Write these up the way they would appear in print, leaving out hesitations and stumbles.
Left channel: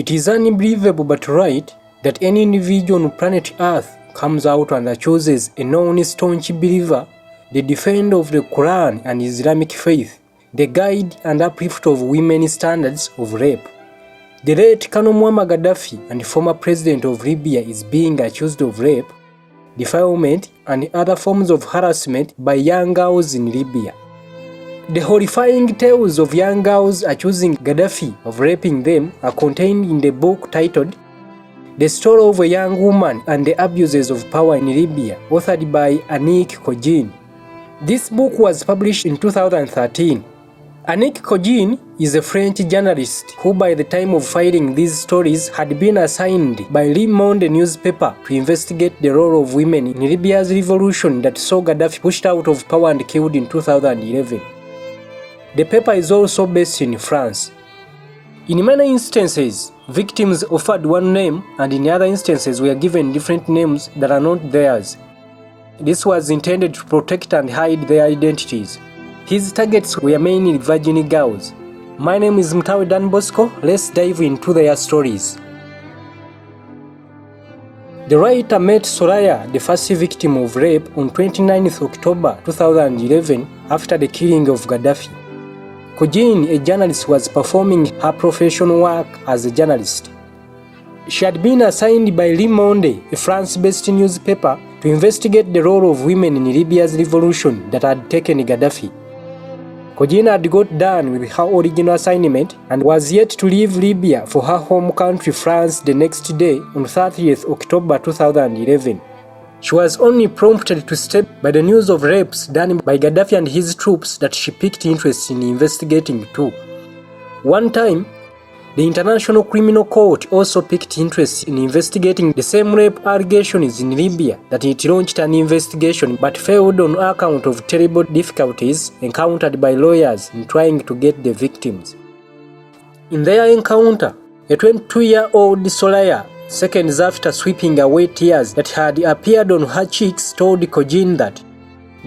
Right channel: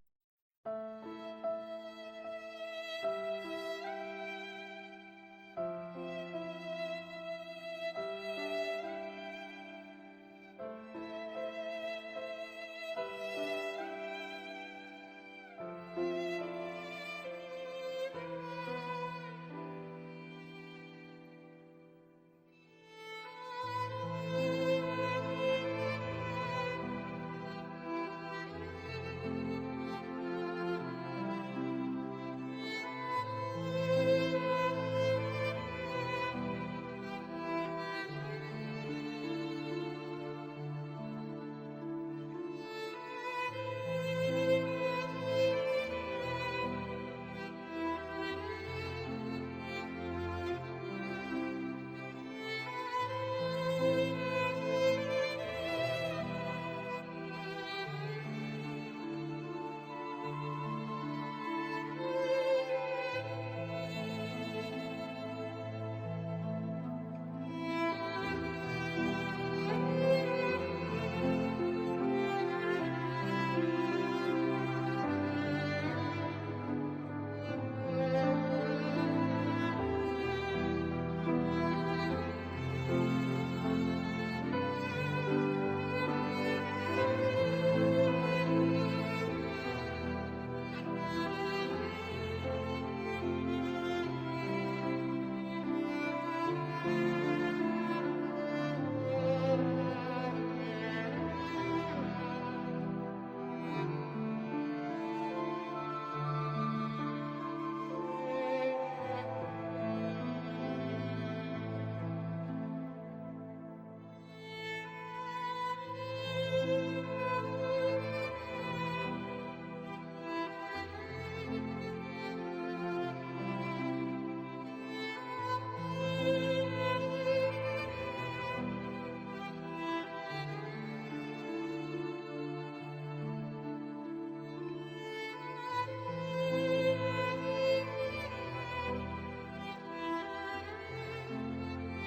It is unbelievable but right that any individual on planet Earth comes out and chooses a known staunch believer, the defender of the Quran and Islamic faith, the guide and uplift of women's standards of rape. The late Colonel Muammar Gaddafi and former president of Libya is being accused of rape, defilement and other forms of harassment by young girls in Libya. The horrifying tales of young girls accusing Gaddafi of raping them are contained in the book titled The Story of a Young Woman and the Abuses of Power in Libya, authored by Annick Cogin. This book was published in 2013. Annick Cogin is a French journalist who by the time of filing these stories had been assigned by Le Monde newspaper to investigate the role of women in Libya's revolution that saw Gaddafi pushed out of power and killed in 2011. The paper is also based in France. In many instances, victims offered one name and in other instances were given different names that are not theirs. This was intended to protect and hide their identities. His targets were mainly virgin girls. My name is Mtawe Dan Bosco. Let's dive into their stories. The writer met Soraya, the first victim of rape, on 29th October 2011 after the killing of Gaddafi. Cogin, a journalist, was performing her professional work as a journalist. She had been assigned by Le Monde, a France-based newspaper, to investigate the role of women in Libya's revolution that had taken Gaddafi. Cogin had got done with her original assignment and was yet to leave Libya for her home country France the next day on 30th October 2011. She was only prompted to step by the news of rapes done by Gaddafi and his troops that she picked interest in investigating too. One time, the International Criminal Court also picked interest in investigating the same rape allegations in Libya that it launched an investigation but failed on account of terrible difficulties encountered by lawyers in trying to get the victims. In their encounter, a 22-year-old Soraya, seconds after sweeping away tears that had appeared on her cheeks, told Cogin that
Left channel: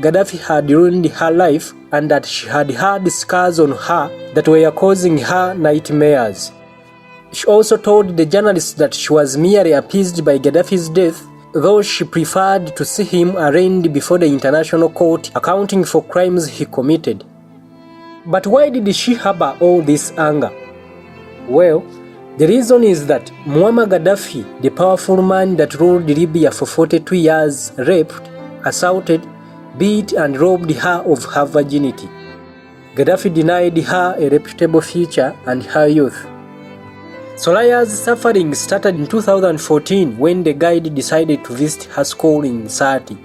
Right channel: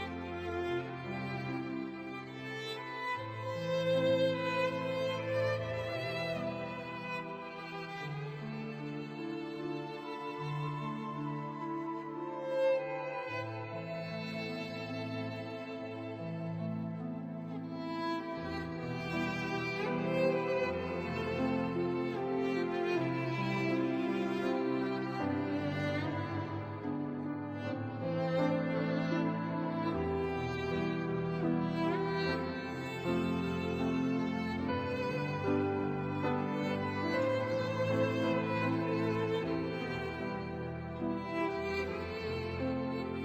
Gaddafi had ruined her life and that she had had scars on her that were causing her nightmares. She also told the journalist that she was merely appeased by Gaddafi's death, though she preferred to see him arraigned before the international court accounting for crimes he committed. But why did she harbor all this anger? Well, the reason is that Muammar Gaddafi, the powerful man that ruled Libya for 42 years, raped, assaulted, beat and robbed her of her virginity. Gaddafi denied her a reputable future and her youth. Soraya's suffering started in 2014 when the guide decided to visit her school in Sati.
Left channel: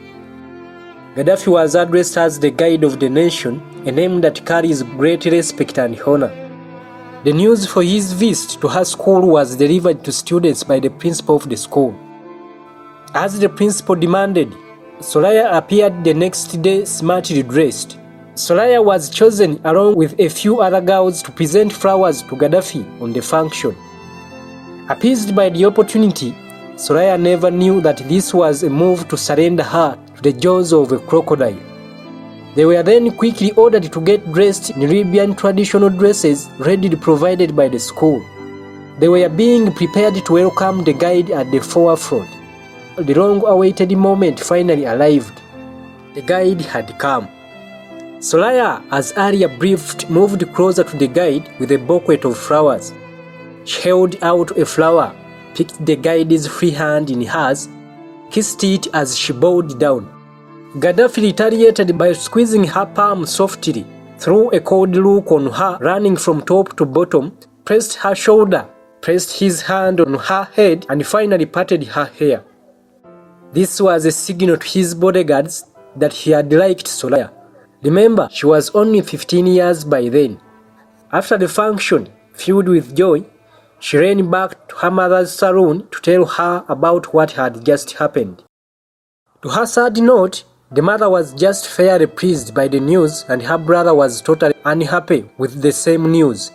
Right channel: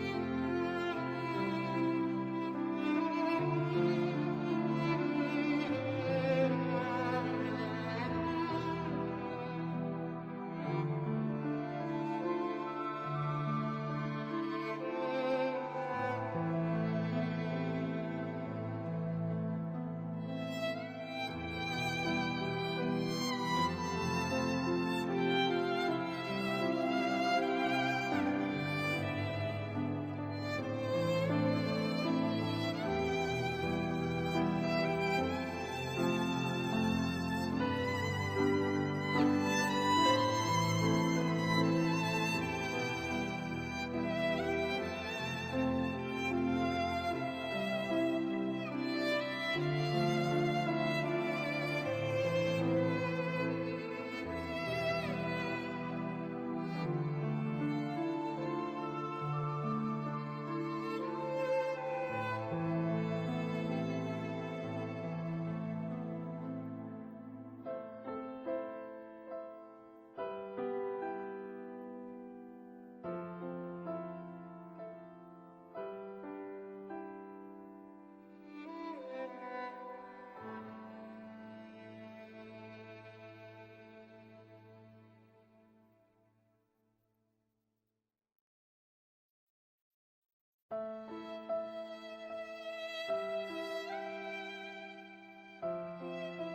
Gaddafi was addressed as the guide of the nation, a name that carries great respect and honor. The news for his visit to her school was delivered to students by the principal of the school. As the principal demanded, Soraya appeared the next day smartly dressed. Soraya was chosen along with a few other girls to present flowers to Gaddafi on the function. Appeased by the opportunity, Soraya never knew that this was a move to surrender her to the jaws of a crocodile. They were then quickly ordered to get dressed in Libyan traditional dresses readily provided by the school. They were being prepared to welcome the guide at the forefront. The long-awaited moment finally arrived. The guide had come. Soraya, as earlier briefed, moved closer to the guide with a bouquet of flowers. She held out a flower, picked the guide's free hand in hers, kissed it as she bowed down. Gaddafi retaliated by squeezing her palm softly, threw a cold look on her running from top to bottom, pressed her shoulder, pressed his hand on her head and finally patted her hair. This was a signal to his bodyguards that he had liked Soraya. Remember, she was only 15 years by then. After the function, filled with joy, she ran back to her mother's saloon to tell her about what had just happened. To her sad note, the mother was just fairly pleased by the news and her brother was totally unhappy with the same news.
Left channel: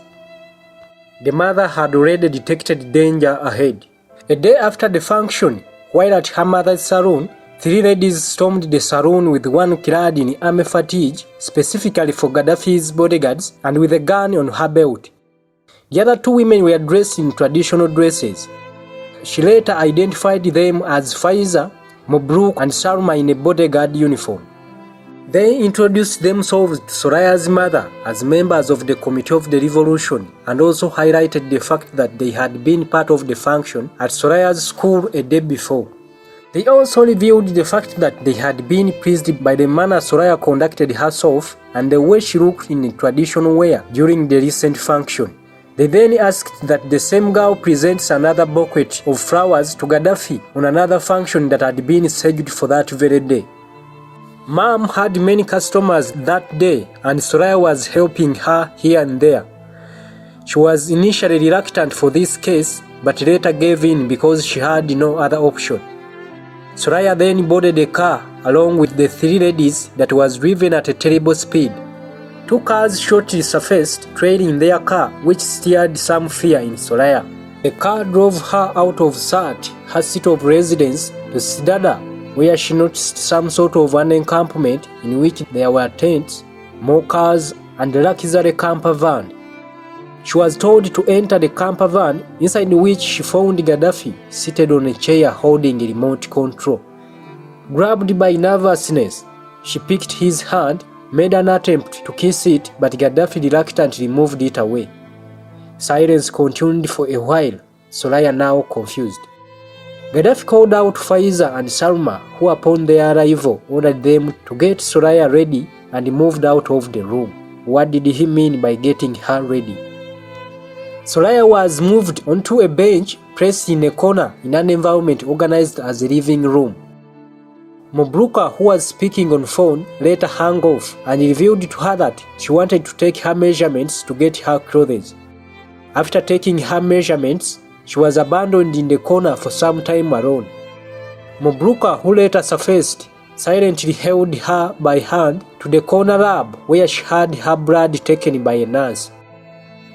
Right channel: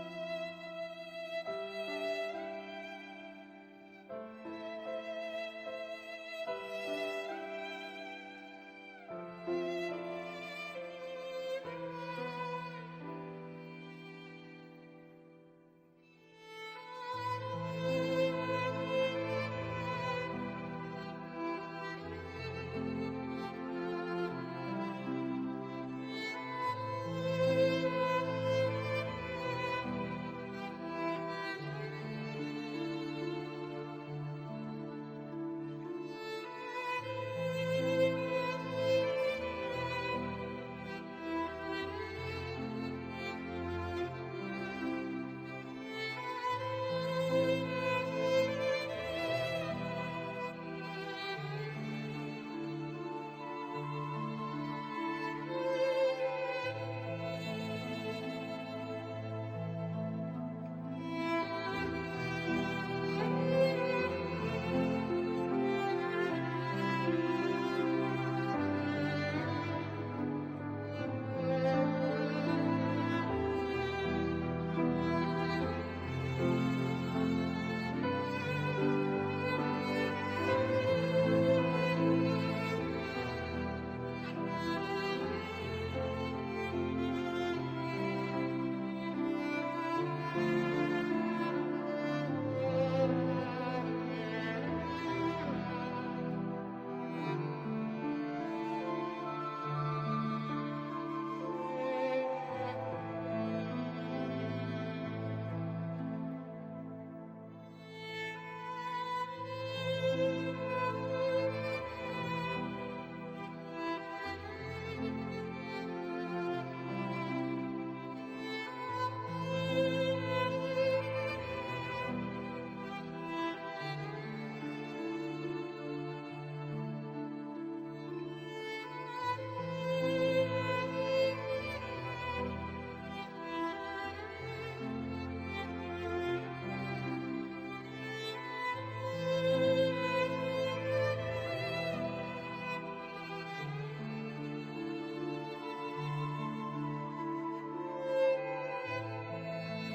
The mother had already detected danger ahead. A day after the function, while at her mother's saloon, 3 ladies stormed the saloon with one clad in army fatigue, specifically for Gaddafi's bodyguards, and with a gun on her belt. The other two women were dressed in traditional dresses. She later identified them as Faiza, Mobruk, and Salma in a bodyguard uniform. They introduced themselves to Soraya's mother as members of the Committee of the Revolution and also highlighted the fact that they had been part of the function at Soraya's school a day before. They also revealed the fact that they had been pleased by the manner Soraya conducted herself and the way she looked in traditional wear during the recent function. They then asked that the same girl presents another bouquet of flowers to Gaddafi on another function that had been scheduled for that very day. Mom had many customers that day and Soraya was helping her here and there. She was initially reluctant for this case but later gave in because she had no other option. Soraya then boarded a car along with the three ladies that was driven at a terrible speed. Two cars shortly surfaced trailing their car, which stirred some fear in Soraya. The car drove her out of Sat, her seat of residence, to Sidada, where she noticed some sort of an encampment in which there were tents, more cars, and a luxury camper van. She was told to enter the camper van, inside which she found Gaddafi seated on a chair holding a remote control. Grabbed by nervousness, she picked his hand, made an attempt to kiss it, but Gaddafi reluctantly moved it away. Silence continued for a while, Soraya now confused. Gaddafi called out Faiza and Salma, who upon their arrival ordered them to get Soraya ready and moved out of the room. What did he mean by getting her ready? Soraya was moved onto a bench placed in a corner in an environment organized as a living room. Mobruka, who was speaking on phone, later hung off and revealed to her that she wanted to take her measurements to get her clothes. After taking her measurements, she was abandoned in the corner for some time alone. Mobruka, who later surfaced, silently held her by hand to the corner lab where she had her blood taken by a nurse.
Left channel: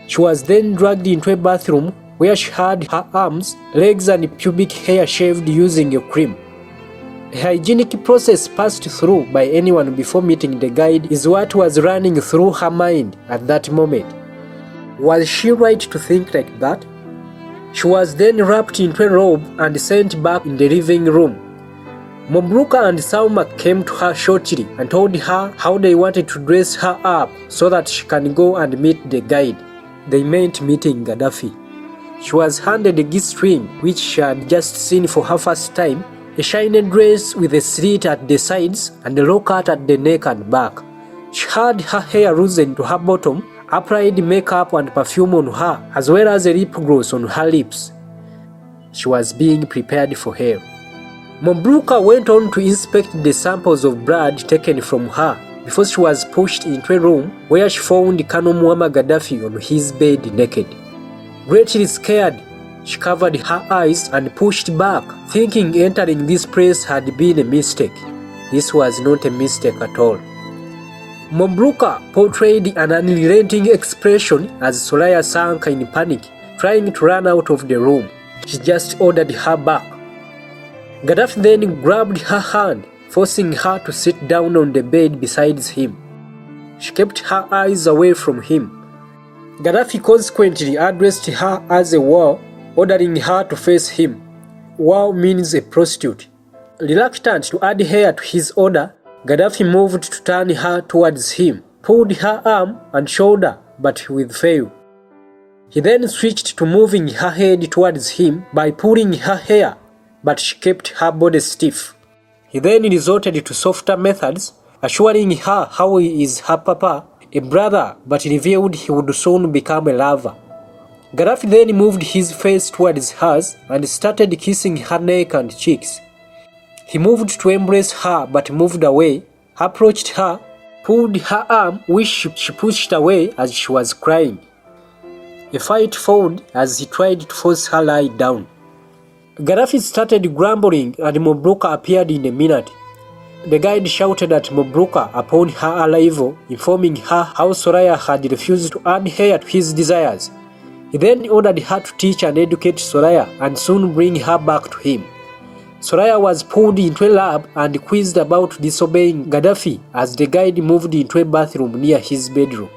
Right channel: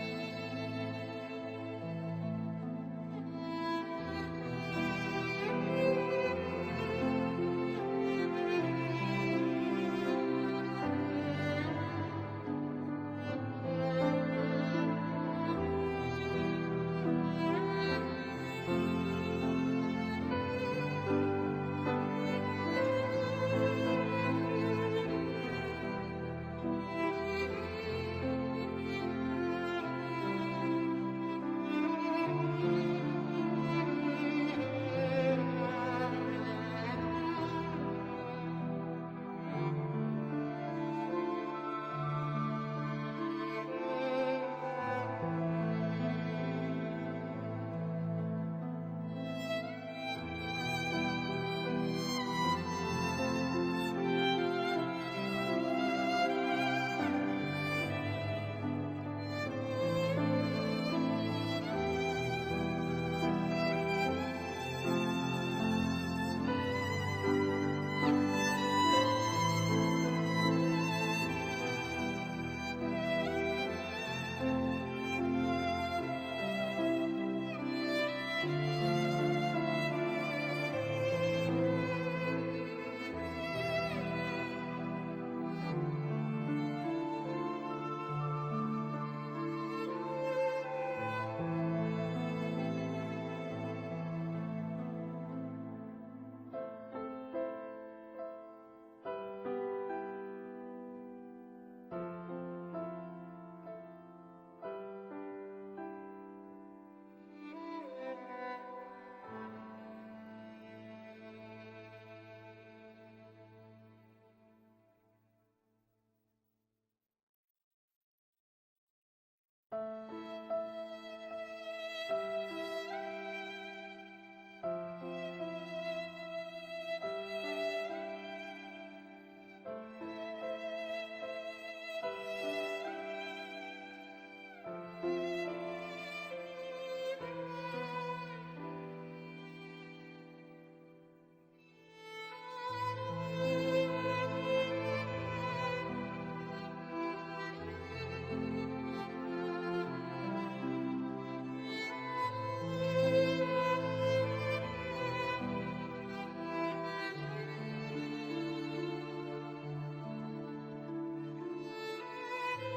She was then dragged into a bathroom where she had her arms, legs and pubic hair shaved using a cream. A hygienic process passed through by anyone before meeting the guide is what was running through her mind at that moment. Was she right to think like that? She was then wrapped into a robe and sent back in the living room. Mobruka and Salma came to her shortly and told her how they wanted to dress her up so that she can go and meet the guide. They meant meeting Gaddafi. She was handed a gift ring which she had just seen for her first time, a shiny dress with a slit at the sides and a low cut at the neck and back. She had her hair loosened to her bottom, applied makeup and perfume on her, as well as a lip gloss on her lips. She was being prepared for her. Mobruka went on to inspect the samples of blood taken from her before she was pushed into a room where she found Colonel Muammar Gaddafi on his bed naked. Greatly scared, she covered her eyes and pushed back, thinking entering this place had been a mistake. This was not a mistake at all. Mobruka portrayed an unrelenting expression as Soraya sank in panic, trying to run out of the room. She just ordered her back. Gaddafi then grabbed her hand, forcing her to sit down on the bed beside him. She kept her eyes away from him. Gaddafi consequently addressed her as a whore, ordering her to face him. Whore means a prostitute. Reluctant to adhere to his order, Gaddafi moved to turn her towards him, pulled her arm and shoulder, but with fail. He then switched to moving her head towards him by pulling her hair, but she kept her body stiff. He then resorted to softer methods, assuring her how he is her papa, a brother, but revealed he would soon become a lover. Gaddafi then moved his face towards hers and started kissing her neck and cheeks. He moved to embrace her but moved away, approached her, pulled her arm which she pushed away as she was crying. A fight followed as he tried to force her lie down. Gaddafi started grumbling and Mobruka appeared in a minute. The guide shouted at Mobruka upon her arrival, informing her how Soraya had refused to adhere to his desires. He then ordered her to teach and educate Soraya and soon bring her back to him. Soraya was pulled into a lab and quizzed about disobeying Gaddafi as the guide moved into a bathroom near his bedroom.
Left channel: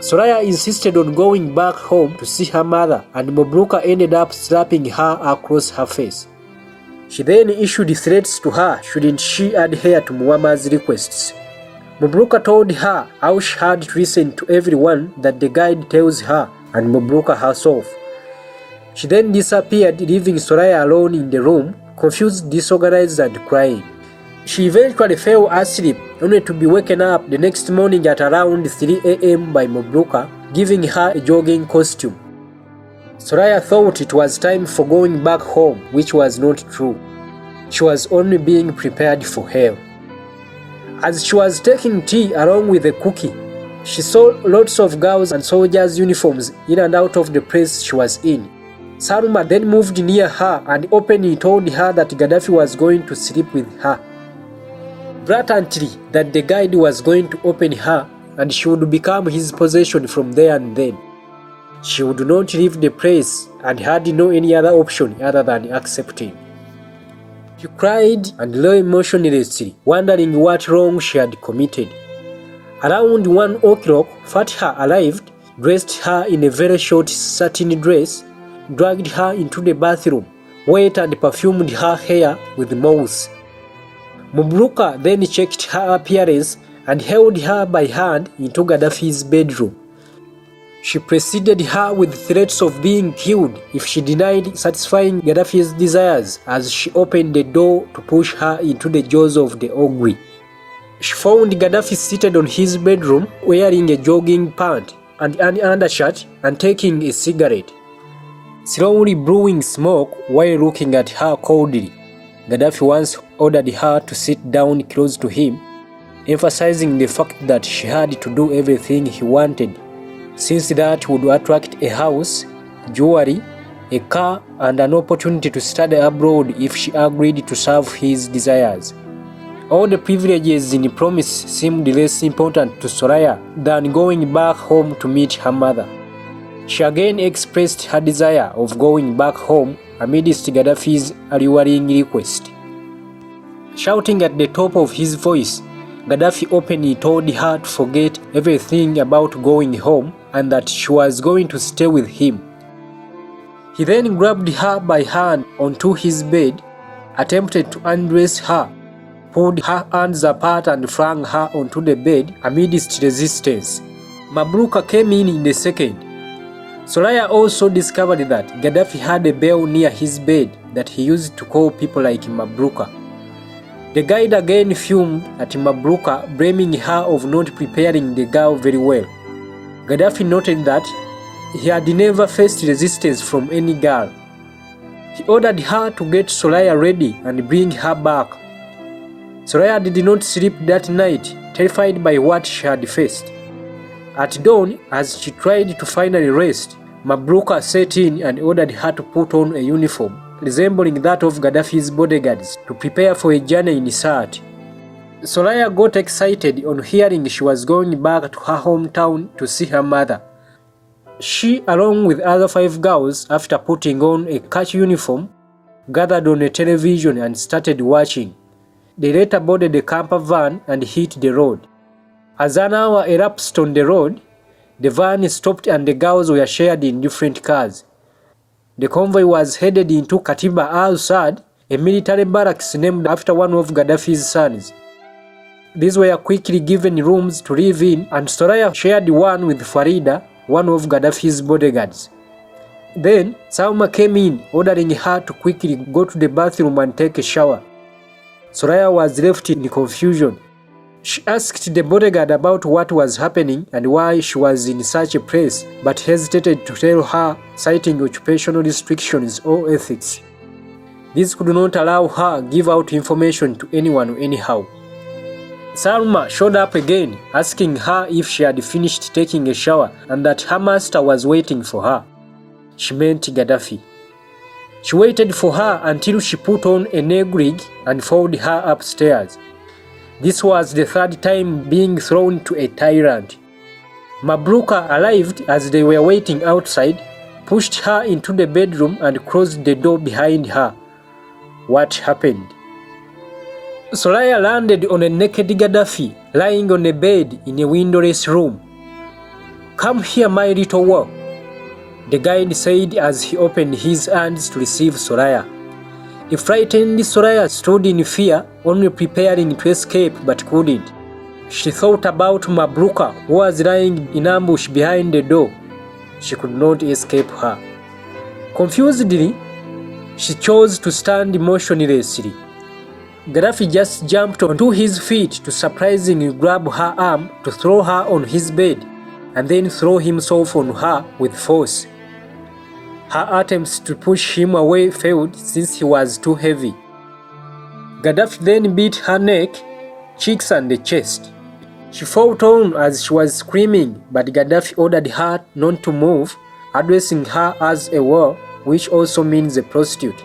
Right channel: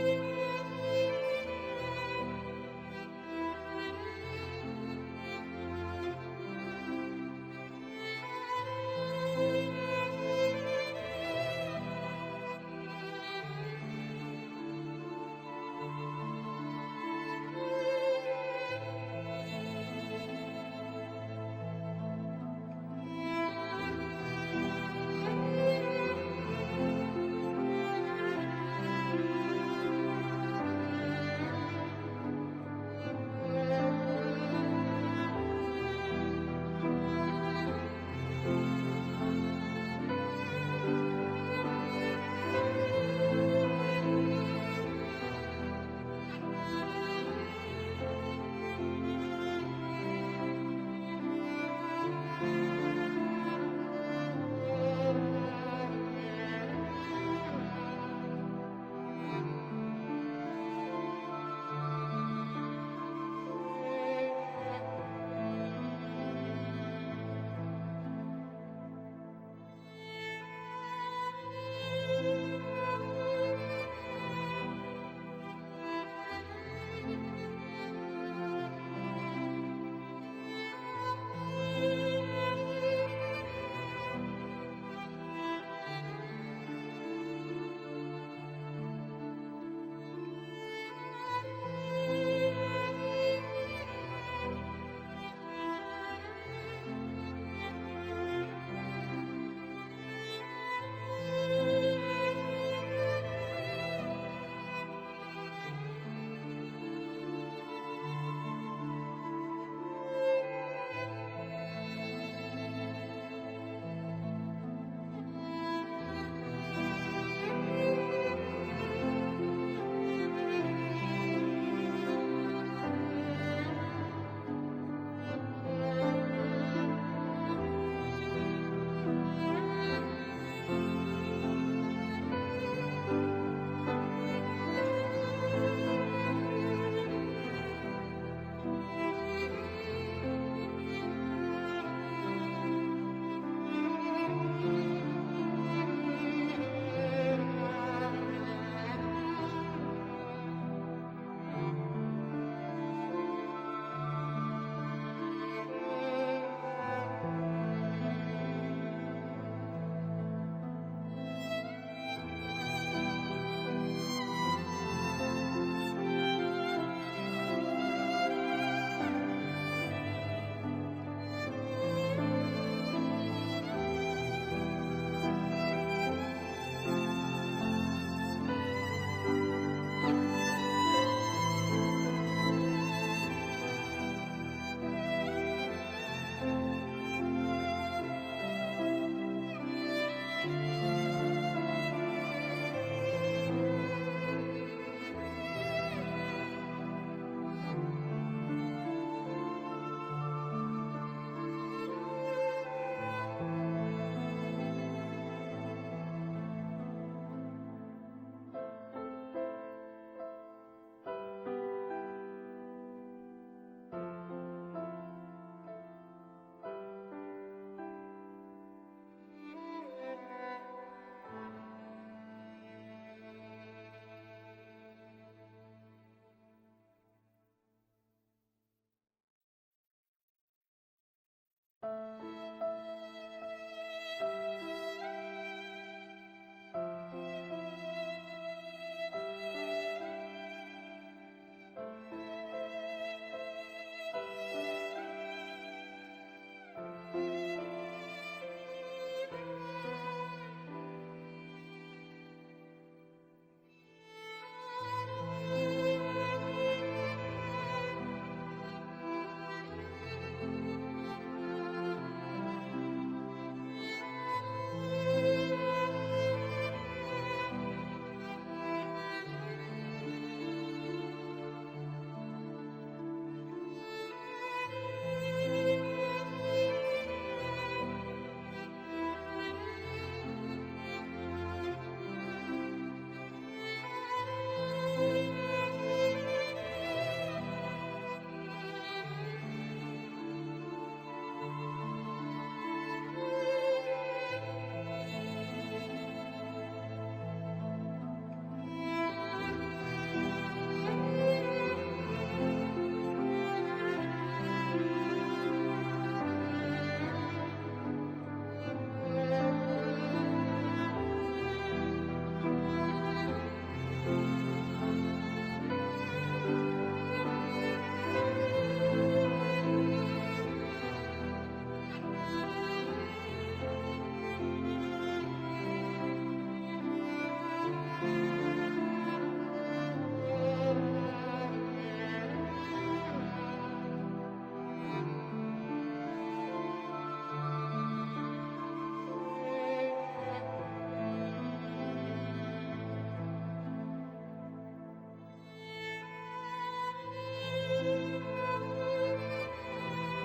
Soraya insisted on going back home to see her mother, and Mabruka ended up slapping her across her face. She then issued threats to her shouldn't she adhere to Muammar's requests. Mabruka told her how she had to listen to everyone that the guide tells her and Mabruka herself. She then disappeared, leaving Soraya alone in the room, confused, disorganized, and crying. She eventually fell asleep, only to be woken up the next morning at around 3 a.m. by Mabruka, giving her a jogging costume. Soraya thought it was time for going back home, which was not true. She was only being prepared for hell. As she was taking tea along with a cookie, she saw lots of girls and soldiers' uniforms in and out of the place she was in. Salma then moved near her and openly told her that Gaddafi was going to sleep with her. Blatantly, that the guide was going to open her and she would become his possession from there and then. She would not leave the place and had no any other option other than accepting. She cried and lay motionlessly, wondering what wrong she had committed. Around 1 o'clock, Fatha arrived, dressed her in a very short satin dress, dragged her into the bathroom, wet and perfumed her hair with mousse. Mabruka then checked her appearance and held her by hand into Gaddafi's bedroom. She preceded her with threats of being killed if she denied satisfying Gaddafi's desires as she opened the door to push her into the jaws of the ogre. She found Gaddafi seated on his bedroom wearing a jogging pant and an undershirt and taking a cigarette, slowly blowing smoke while looking at her coldly. Gaddafi once ordered her to sit down close to him, emphasizing the fact that she had to do everything he wanted, since that would attract a house, jewelry, a car, and an opportunity to study abroad if she agreed to serve his desires. All the privileges in the promise seemed less important to Soraya than going back home to meet her mother. She again expressed her desire of going back home amidst Gaddafi's alluring request. Shouting at the top of his voice, Gaddafi openly told her to forget everything about going home and that she was going to stay with him. He then grabbed her by hand onto his bed, attempted to undress her, pulled her hands apart and flung her onto the bed amidst resistance. Mabruka came in the second. Soraya also discovered that Gaddafi had a bell near his bed that he used to call people like Mabruka. The guide again fumed at Mabruka, blaming her of not preparing the girl very well. Gaddafi noted that he had never faced resistance from any girl. He ordered her to get Soraya ready and bring her back. Soraya did not sleep that night, terrified by what she had faced. At dawn, as she tried to finally rest, Mabruka set in and ordered her to put on a uniform resembling that of Gaddafi's bodyguards to prepare for a journey in search. Soraya got excited on hearing she was going back to her hometown to see her mother. She, along with other 5 girls, after putting on a catch uniform, gathered on a television and started watching. They later boarded a camper van and hit the road. As an hour elapsed on the road, the van stopped and the girls were shared in different cars. The convoy was headed into Katiba al-Assad, a military barracks named after one of Gaddafi's sons. These were quickly given rooms to live in, and Soraya shared one with Farida, one of Gaddafi's bodyguards. Then, Salma came in, ordering her to quickly go to the bathroom and take a shower. Soraya was left in confusion. She asked the bodyguard about what was happening and why she was in such a place, but hesitated to tell her, citing occupational restrictions or ethics. This could not allow her give out information to anyone anyhow. Salma showed up again, asking her if she had finished taking a shower and that her master was waiting for her. She meant Gaddafi. She waited for her until she put on a negrig and followed her upstairs. This was the 3rd time being thrown to a tyrant. Mabruka arrived as they were waiting outside, pushed her into the bedroom and closed the door behind her. What happened? Soraya landed on a naked Gaddafi lying on a bed in a windowless room. "Come here, my little one," the guide said as he opened his hands to receive Soraya. The frightened Soraya stood in fear, only preparing to escape but couldn't. She thought about Mabruka, who was lying in ambush behind the door. She could not escape her. Confusedly, she chose to stand motionlessly. Gaddafi just jumped onto his feet to surprisingly grab her arm to throw her on his bed, and then throw himself on her with force. Her attempts to push him away failed since he was too heavy. Gaddafi then beat her neck, cheeks and the chest. She fought on as she was screaming, but Gaddafi ordered her not to move, addressing her as a whore, which also means a prostitute.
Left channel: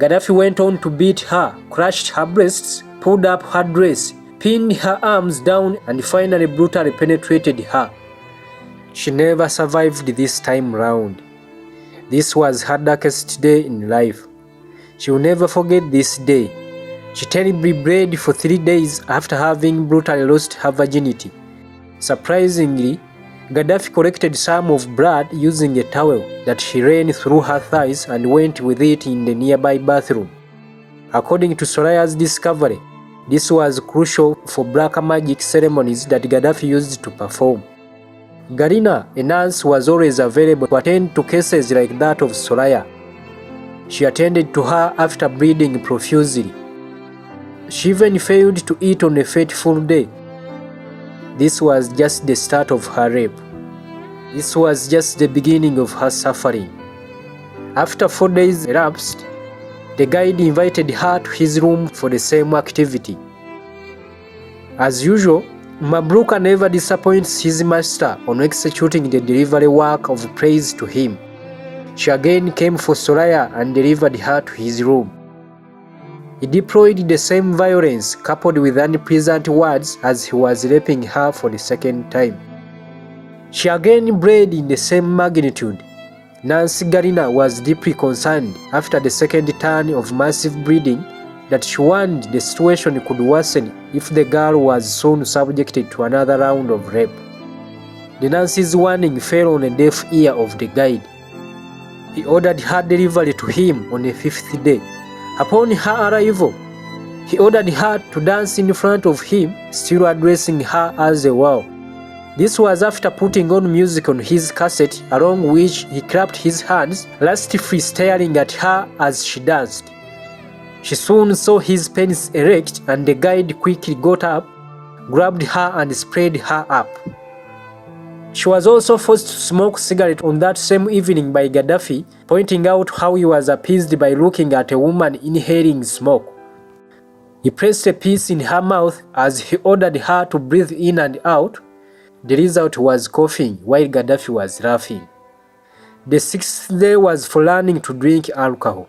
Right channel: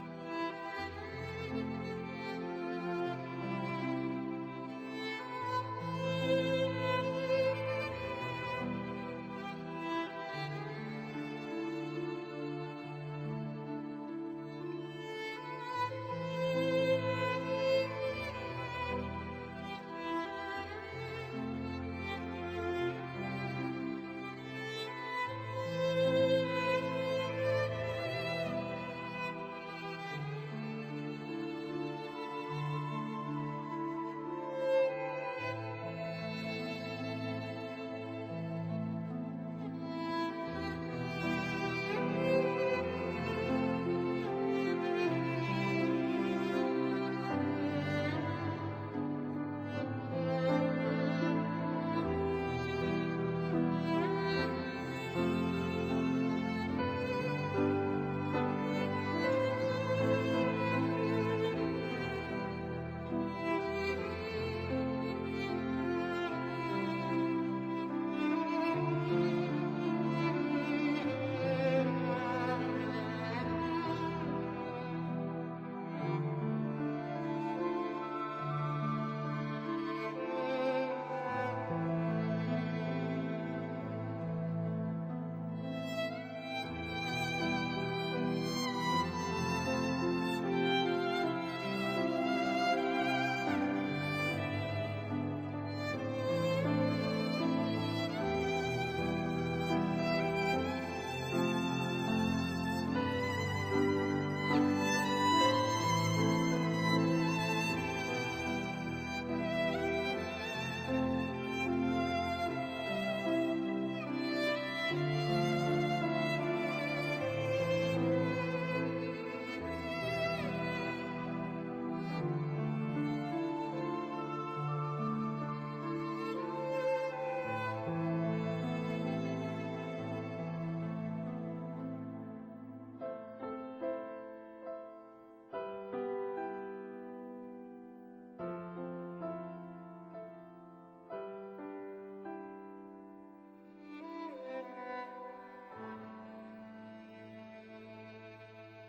Gaddafi went on to beat her, crushed her breasts, pulled up her dress, pinned her arms down, and finally brutally penetrated her. She never survived this time round. This was her darkest day in life. She will never forget this day. She terribly bled for 3 days after having brutally lost her virginity. Surprisingly, Gaddafi collected some of blood using a towel that she ran through her thighs and went with it in the nearby bathroom. According to Soraya's discovery, this was crucial for black magic ceremonies that Gaddafi used to perform. Garina, a nurse, was always available to attend to cases like that of Soraya. She attended to her after bleeding profusely. She even failed to eat on a fateful day. This was just the start of her rape. This was just the beginning of her suffering. After 4 days elapsed, the guide invited her to his room for the same activity. As usual, Mabruka never disappoints his master on executing the delivery work of praise to him. She again came for Soraya and delivered her to his room. He deployed the same violence coupled with unpleasant words as he was raping her for the second time. She again bled in the same magnitude. Nancy Garina was deeply concerned after the second turn of massive bleeding that she warned the situation could worsen if the girl was soon subjected to another round of rape. The nurse's warning fell on the deaf ear of the guide. He ordered her delivery to him on the 5th day. Upon her arrival, he ordered her to dance in front of him, still addressing her as a wow. This was after putting on music on his cassette, along which he clapped his hands, lustfully staring at her as she danced. She soon saw his penis erect, and the guide quickly got up, grabbed her and spread her up. She was also forced to smoke cigarette on that same evening by Gaddafi, pointing out how he was appeased by looking at a woman inhaling smoke. He placed a piece in her mouth as he ordered her to breathe in and out. The result was coughing while Gaddafi was laughing. The 6th day was for learning to drink alcohol.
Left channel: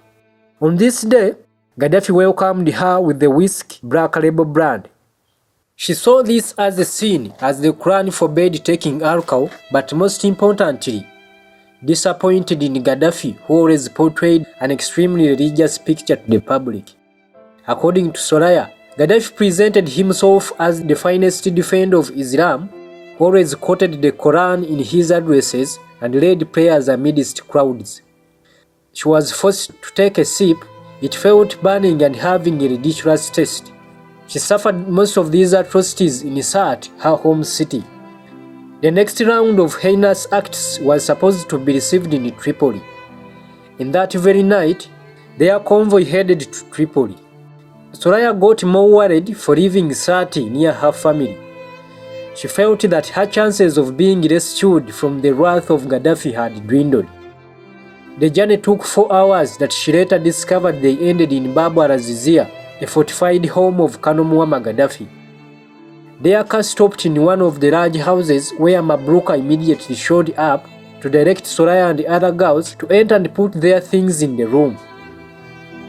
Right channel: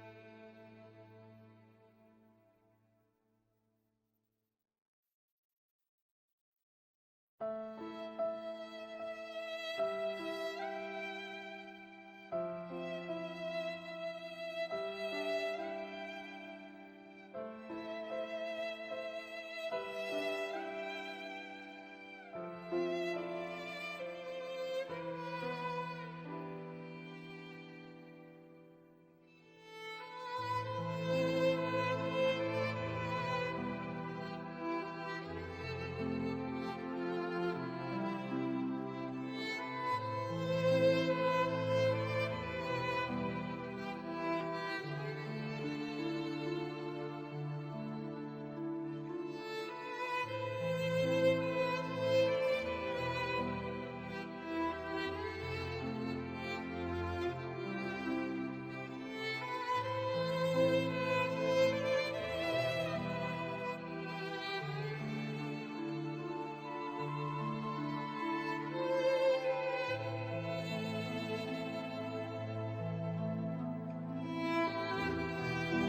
On this day, Gaddafi welcomed her with the whiskey Black Label brand. She saw this as a sin, as the Quran forbade taking alcohol, but most importantly, disappointed in Gaddafi, who always portrayed an extremely religious picture to the public. According to Soraya, Gaddafi presented himself as the finest defender of Islam, who always quoted the Quran in his addresses and led prayers amidst crowds. She was forced to take a sip. It felt burning and having a ridiculous taste. She suffered most of these atrocities in Sirte, her home city. The next round of heinous acts was supposed to be received in Tripoli. In that very night, their convoy headed to Tripoli. Soraya got more worried for leaving Sirte near her family. She felt that her chances of being rescued from the wrath of Gaddafi had dwindled. The journey took 4 hours that she later discovered they ended in Babu al-Azizia, a fortified home of Colonel Muammar Gaddafi. Their car stopped in one of the large houses where Mabruka immediately showed up to direct Soraya and the other girls to enter and put their things in the room.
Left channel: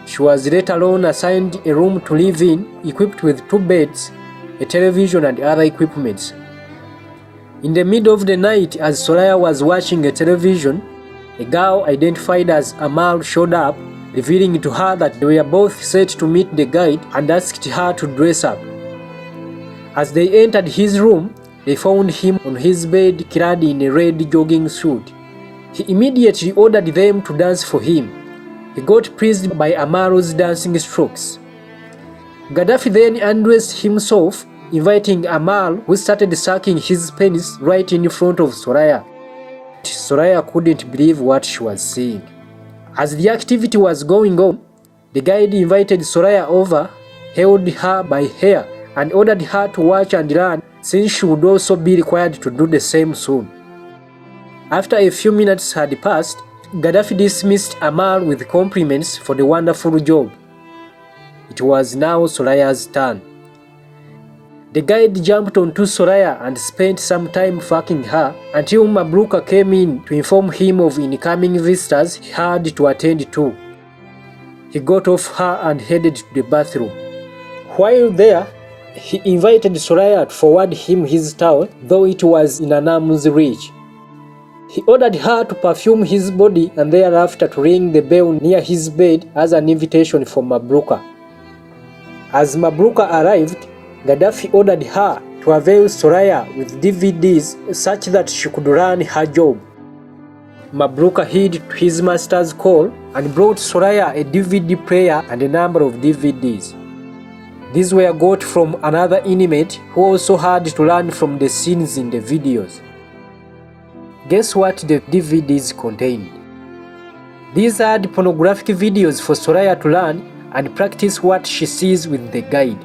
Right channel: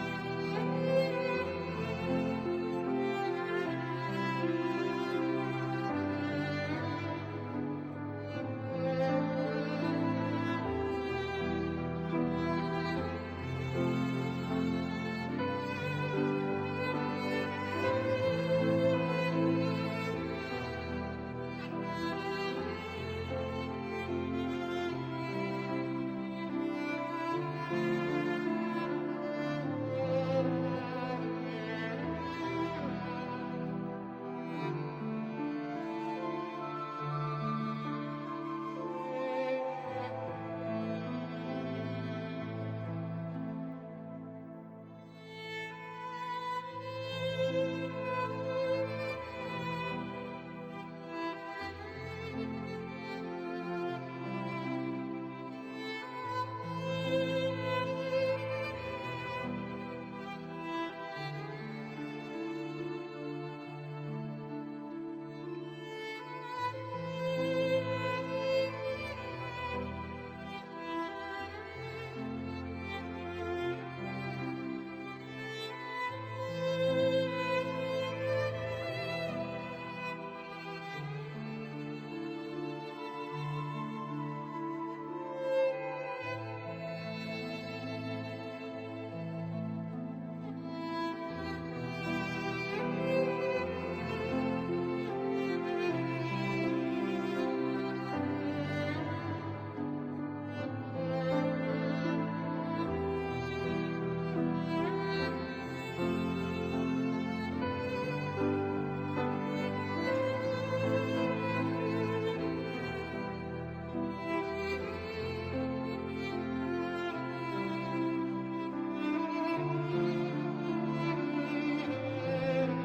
She was later on assigned a room to live in, equipped with 2 beds, a television and other equipment. In the middle of the night, as Soraya was watching a television, a girl identified as Amal showed up, revealing to her that they were both set to meet the guide and asked her to dress up. As they entered his room, they found him on his bed clad in a red jogging suit. He immediately ordered them to dance for him. He got pleased by Amal's dancing strokes. Gaddafi then undressed himself, inviting Amal, who started sucking his penis right in front of Soraya. Soraya couldn't believe what she was seeing. As the activity was going on, the guide invited Soraya over, held her by hair, and ordered her to watch and learn, since she would also be required to do the same soon. After a few minutes had passed, Gaddafi dismissed Amal with compliments for the wonderful job. It was now Soraya's turn. The guide jumped onto Soraya and spent some time fucking her until Mabruka came in to inform him of incoming visitors he had to attend to. He got off her and headed to the bathroom. While there, he invited Soraya to forward him his towel, though it was in an arm's reach. He ordered her to perfume his body and thereafter to ring the bell near his bed as an invitation for Mabruka. As Mabruka arrived, Gaddafi ordered her to avail Soraya with DVDs such that she could learn her job. Mabruka heed to his master's call and brought Soraya a DVD player and a number of DVDs. These were got from another inmate who also had to learn from the scenes in the videos. Guess what the DVDs contained? These had pornographic videos for Soraya to learn and practice what she sees with the guide.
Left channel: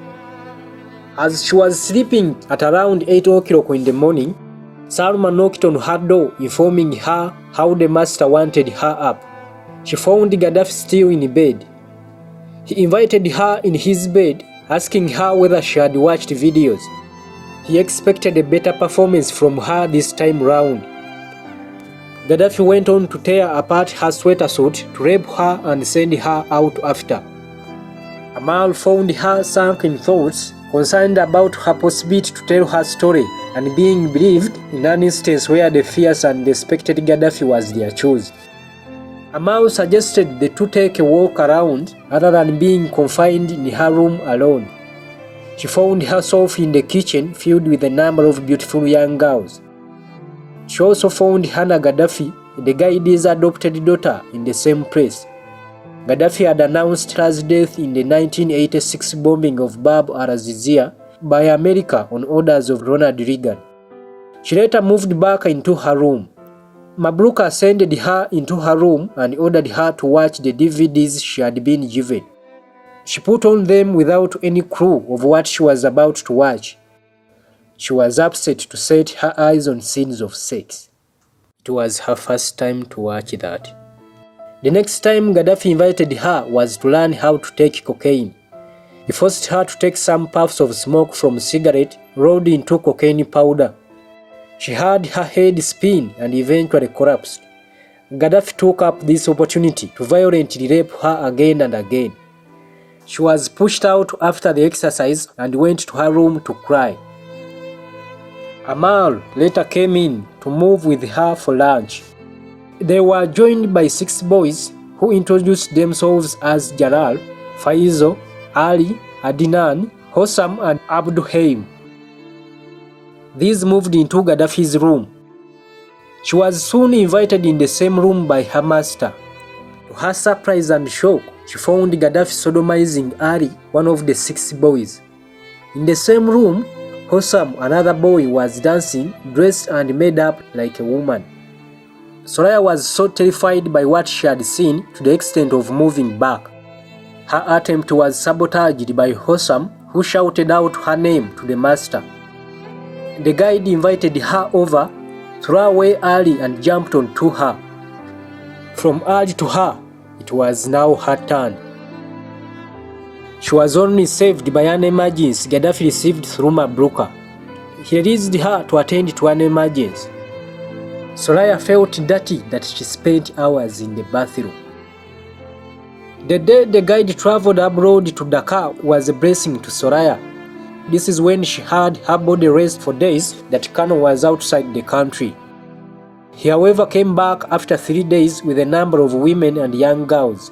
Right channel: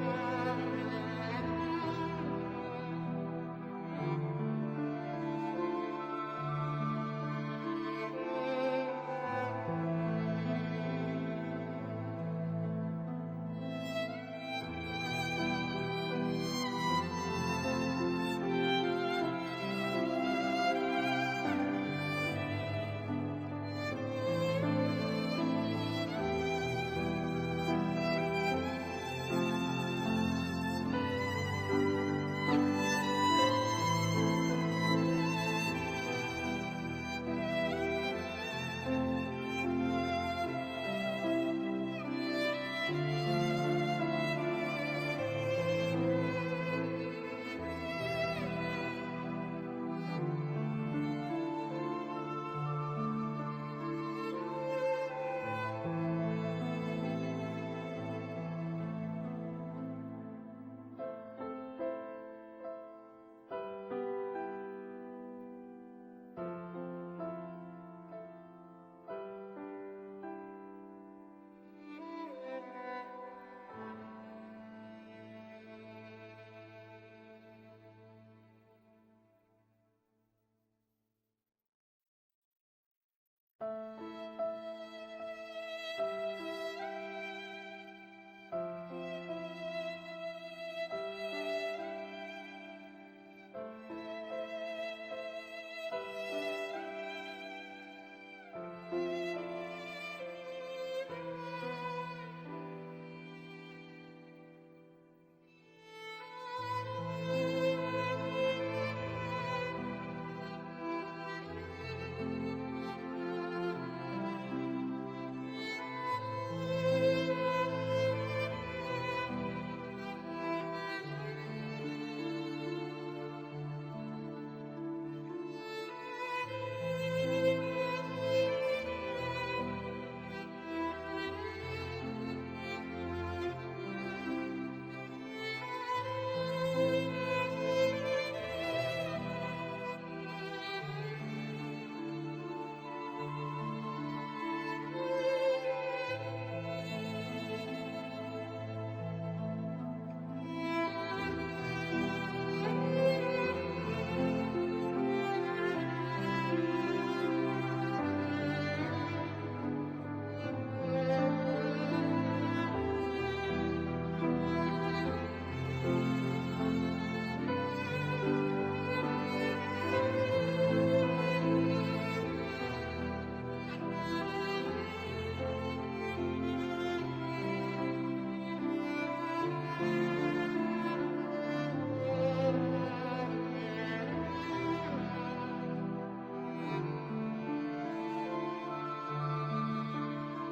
As she was sleeping at around 8 o'clock in the morning, Salma knocked on her door, informing her how the master wanted her up. She found Gaddafi still in bed. He invited her in his bed, asking her whether she had watched videos. He expected a better performance from her this time round. Gaddafi went on to tear apart her sweater suit to rape her and send her out after. Amal found her sunk in thoughts, concerned about her possibility to tell her story and being believed in an instance where the fierce and respected Gaddafi was their choice. Amal suggested the two take a walk around rather than being confined in her room alone. She found herself in the kitchen filled with a number of beautiful young girls. She also found Hannah Gaddafi, the guide's adopted daughter, in the same place. Gaddafi had announced her death in the 1986 bombing of Bab al-Azizia by America on orders of Ronald Reagan. She later moved back into her room. Mabruka ascended her into her room and ordered her to watch the DVDs she had been given. She put on them without any clue of what she was about to watch. She was upset to set her eyes on scenes of sex. It was her first time to watch that. The next time Gaddafi invited her was to learn how to take cocaine. He forced her to take some puffs of smoke from a cigarette rolled into cocaine powder. She had her head spin and eventually collapsed. Gaddafi took up this opportunity to violently rape her again and again. She was pushed out after the exercise and went to her room to cry. Amal later came in to move with her for lunch. They were joined by 6 boys who introduced themselves as Jalal, Faizo, Ali, Adnan, Hossam and Abduhaim. These moved into Gaddafi's room. She was soon invited in the same room by her master. To her surprise and shock, she found Gaddafi sodomizing Ali, one of the 6 boys. In the same room, Hossam, another boy, was dancing, dressed and made up like a woman. Soraya was so terrified by what she had seen to the extent of moving back. Her attempt was sabotaged by Hossam, who shouted out her name to the master. The guide invited her over, threw away Ali and jumped onto her. From Ali to her, it was now her turn. She was only saved by an emergency Gaddafi received through Mabruka. He released her to attend to an emergency. Soraya felt dirty that she spent hours in the bathroom. The day the guide traveled abroad to Dakar was a blessing to Soraya. This is when she had her body rest for days that Kano was outside the country. He however came back after 3 days with a number of women and young girls.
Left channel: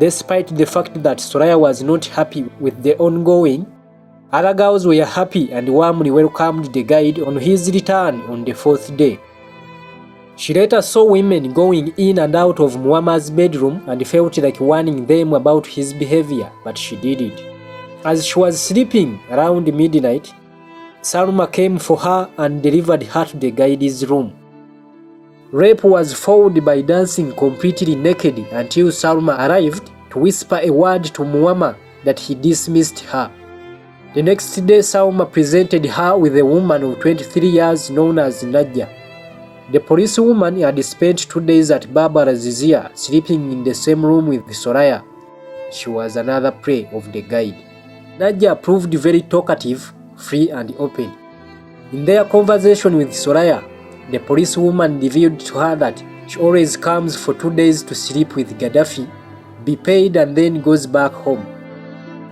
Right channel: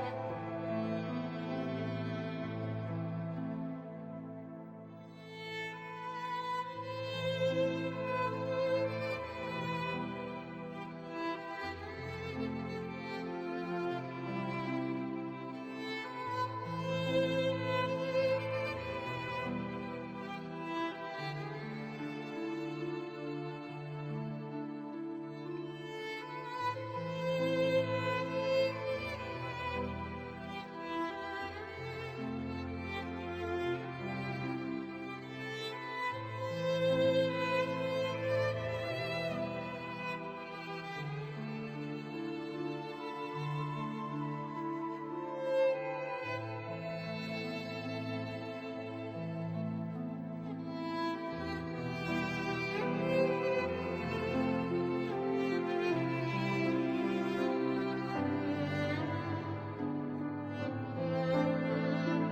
Despite the fact that Soraya was not happy with the ongoing, Other girls were happy and warmly welcomed the guide on his return on the 4th day. She later saw women going in and out of Muammar's bedroom and felt like warning them about his behavior, but she didn't. As she was sleeping around midnight, Salma came for her and delivered her to the guide's room. Rape was followed by dancing completely naked until Salma arrived to whisper a word to Muammar that he dismissed her. The next day, Salma presented her with a woman of 23 years known as Nadia. The policewoman had spent 2 days at Baba Razizia, sleeping in the same room with Soraya. She was another prey of the guide. Nadia proved very talkative, free and open. In their conversation with Soraya, the policewoman revealed to her that she always comes for 2 days to sleep with Gaddafi, be paid and then goes back home.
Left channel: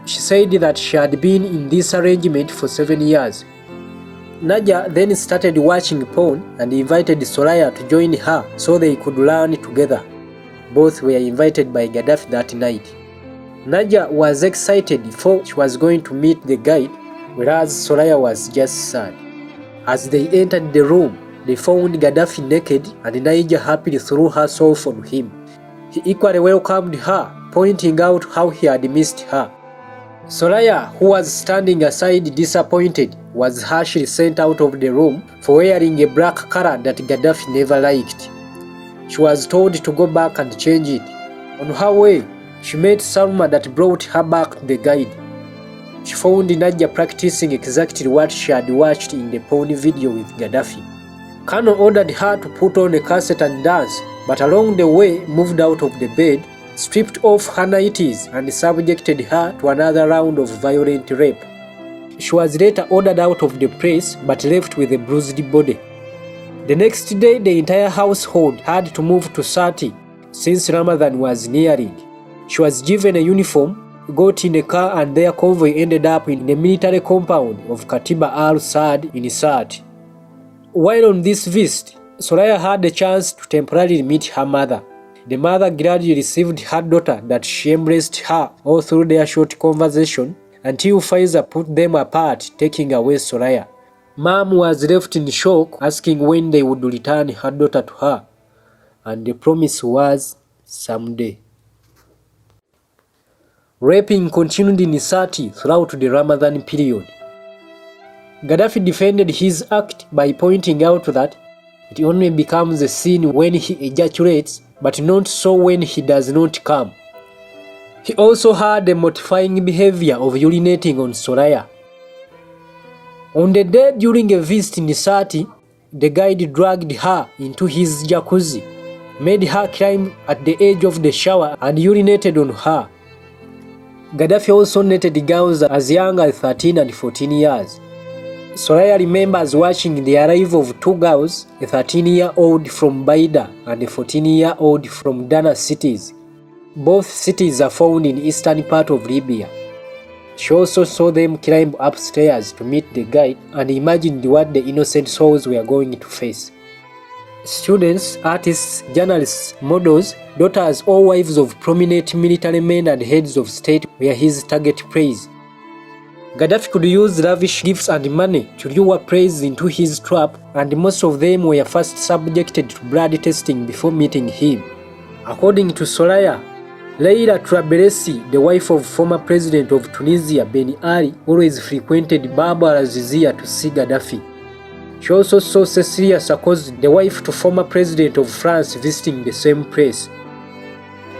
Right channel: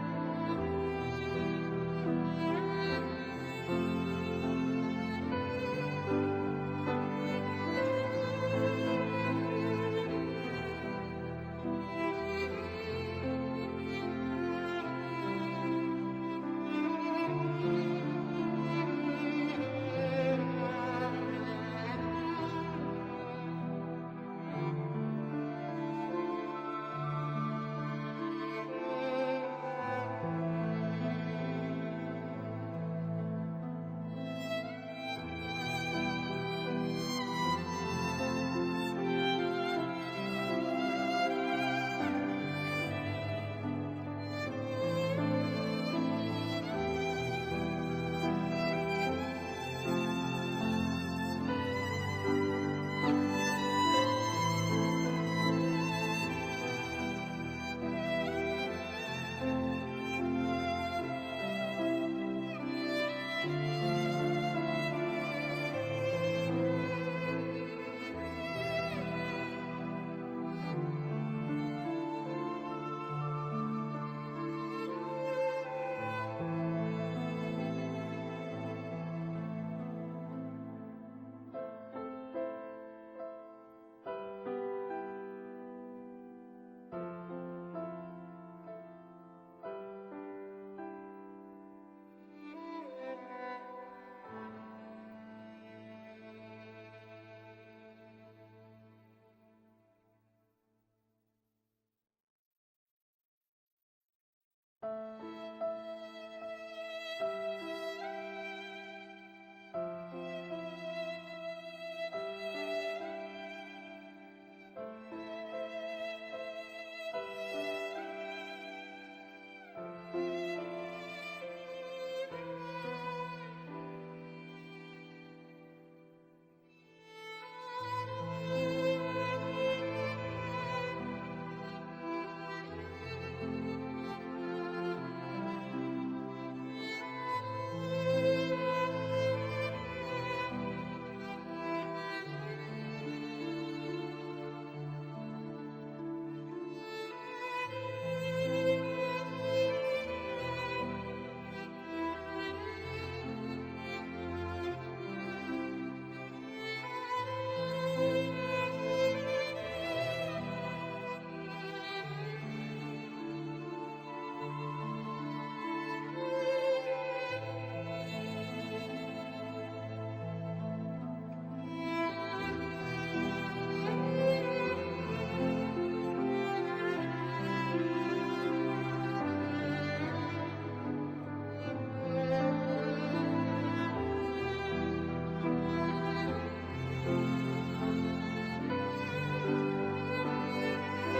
She said that she had been in this arrangement for 7 years. Nadia then started watching porn and invited Soraya to join her so they could learn together. Both were invited by Gaddafi that night. Nadia was excited for she was going to meet the guide, whereas Soraya was just sad. As they entered the room, they found Gaddafi naked and Nadia happily threw herself on him. He equally welcomed her, pointing out how he had missed her. Soraya, who was standing aside disappointed, was harshly sent out of the room for wearing a black color that Gaddafi never liked. She was told to go back and change it. On her way, she met Salma that brought her back to the guide. She found Nadia practicing exactly what she had watched in the porn video with Gaddafi. Kano ordered her to put on a cassette and dance, but along the way moved out of the bed, stripped off her nighties and subjected her to another round of violent rape. She was later ordered out of the place but left with a bruised body. The next day, the entire household had to move to Sati since Ramadan was nearing. She was given a uniform, got in a car, and their convoy ended up in the military compound of Katiba al-Saad in Sati. While on this visit, Soraya had a chance to temporarily meet her mother. The mother gladly received her daughter that she embraced her all through their short conversation until Faiza put them apart, taking away Soraya. Mom was left in shock, asking when they would return her daughter to her, and the promise was someday. Raping continued in Sati throughout the Ramadan period. Gaddafi defended his act by pointing out that it only becomes a sin when he ejaculates, but not so when he does not come. He also had a mortifying behavior of urinating on Soraya. On the day during a visit in Sati, the guide dragged her into his jacuzzi, made her climb at the edge of the shower and urinated on her. Gaddafi also netted girls as young as 13 and 14 years. Soraya remembers watching the arrival of two girls, a 13-year-old from Baida and a 14-year-old from Dana cities. Both cities are found in eastern part of Libya. She also saw them climb upstairs to meet the guide and imagined what the innocent souls were going to face. Students, artists, journalists, models, daughters or wives of prominent military men and heads of state were his target prey. Gaddafi could use lavish gifts and money to lure prey into his trap, and most of them were first subjected to blood testing before meeting him. According to Soraya, Leila Trabelsi, the wife of former president of Tunisia Ben Ali, always frequented Baba Razizia to see Gaddafi. She also saw Cecilia Sarkozy, the wife to former president of France, visiting the same place.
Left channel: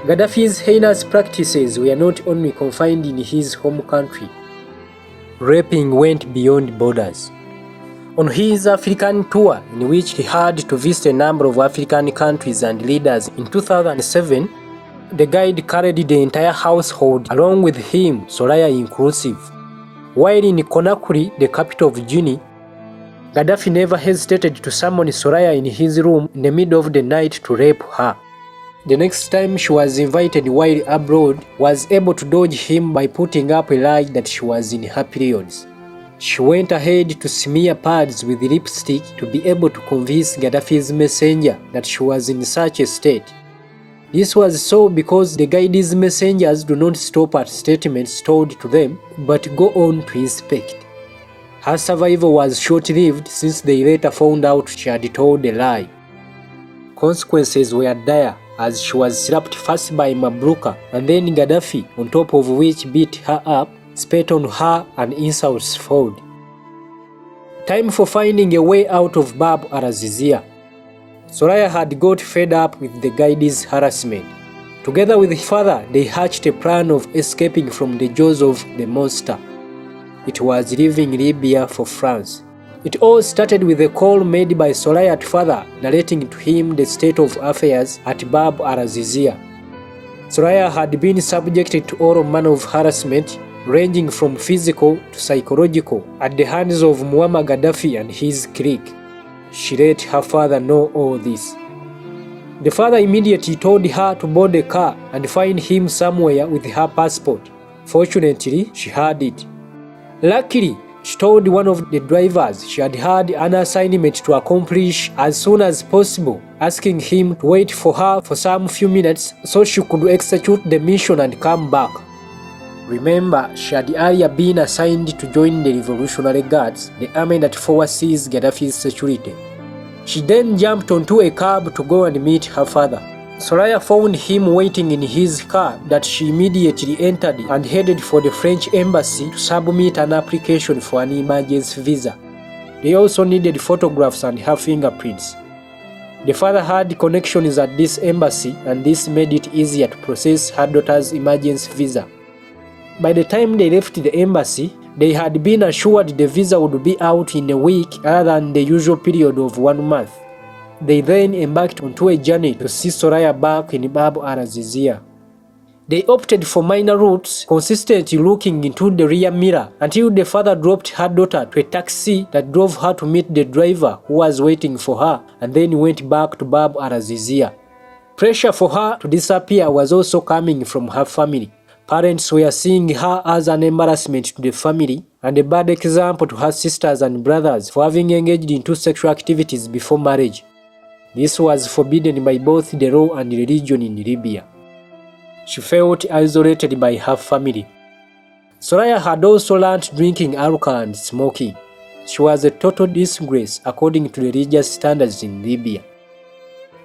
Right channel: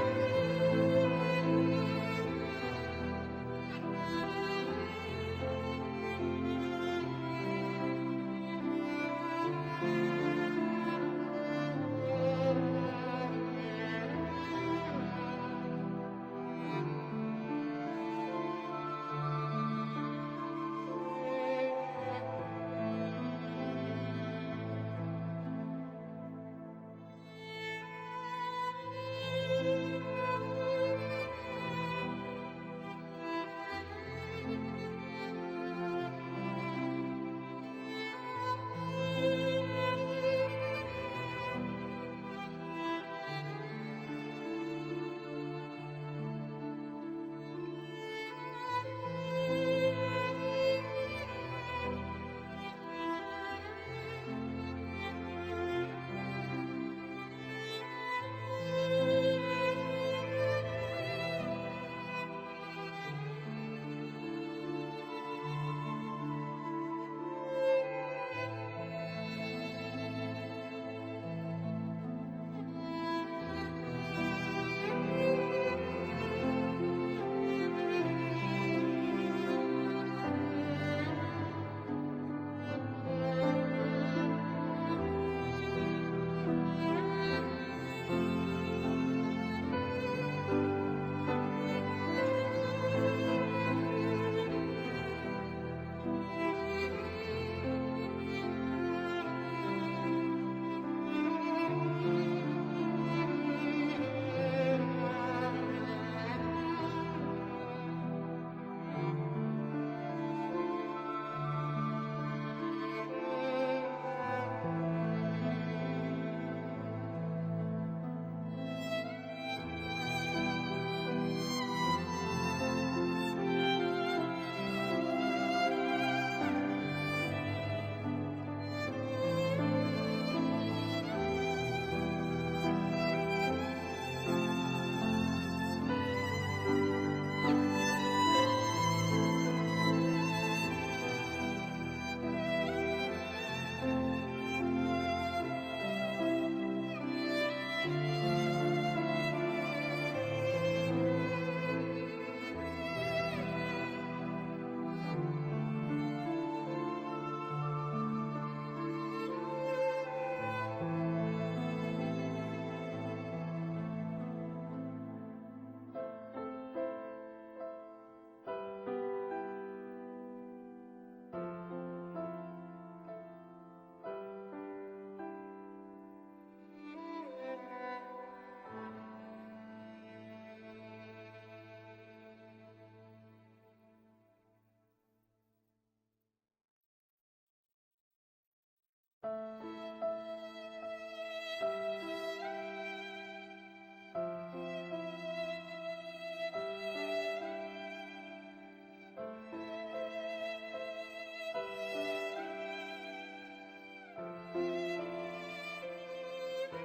Gaddafi's heinous practices were not only confined in his home country. Raping went beyond borders. On his African tour, in which he had to visit a number of African countries and leaders in 2007, the guide carried the entire household along with him, Soraya inclusive. While in Conakry, the capital of Guinea, Gaddafi never hesitated to summon Soraya in his room in the middle of the night to rape her. The next time she was invited while abroad, was able to dodge him by putting up a lie that she was in her periods. She went ahead to smear pads with lipstick to be able to convince Gaddafi's messenger that she was in such a state. This was so because the guide's messengers do not stop at statements told to them, but go on to inspect. Her survival was short-lived since they later found out she had told a lie. Consequences were dire as she was slapped first by Mabruka and then Gaddafi, on top of which beat her up, spat on her and insults followed. Time for finding a way out of Bab al-Azizia. Soraya had got fed up with the guide's harassment. Together with his father, they hatched a plan of escaping from the jaws of the monster. It was leaving Libya for France. It all started with a call made by Soraya's father narrating to him the state of affairs at Bab al-Azizia. Soraya had been subjected to all manner of harassment, ranging from physical to psychological, at the hands of Muammar Gaddafi and his clique. She let her father know all this. The father immediately told her to board a car and find him somewhere with her passport. Fortunately, she had it. Luckily, she told one of the drivers she had an assignment to accomplish as soon as possible, asking him to wait for her for some few minutes so she could execute the mission and come back. Remember, she had earlier been assigned to join the Revolutionary Guards, the army that oversees Gaddafi's security. She then jumped onto a cab to go and meet her father. Soraya found him waiting in his car that she immediately entered and headed for the French embassy to submit an application for an emergency visa. They also needed photographs and her fingerprints. The father had connections at this embassy and this made it easier to process her daughter's emergency visa. By the time they left the embassy, they had been assured the visa would be out in a week rather than the usual period of 1 month. They then embarked onto a journey to see Soraya back in Bab al-Azizia. They opted for minor routes, consistently looking into the rear mirror until the father dropped her daughter to a taxi that drove her to meet the driver who was waiting for her and then went back to Bab al-Azizia. Pressure for her to disappear was also coming from her family. Parents were seeing her as an embarrassment to the family and a bad example to her sisters and brothers for having engaged into sexual activities before marriage. This was forbidden by both the law and religion in Libya. She felt isolated by her family. Soraya had also learned drinking alcohol and smoking. She was a total disgrace according to religious standards in Libya.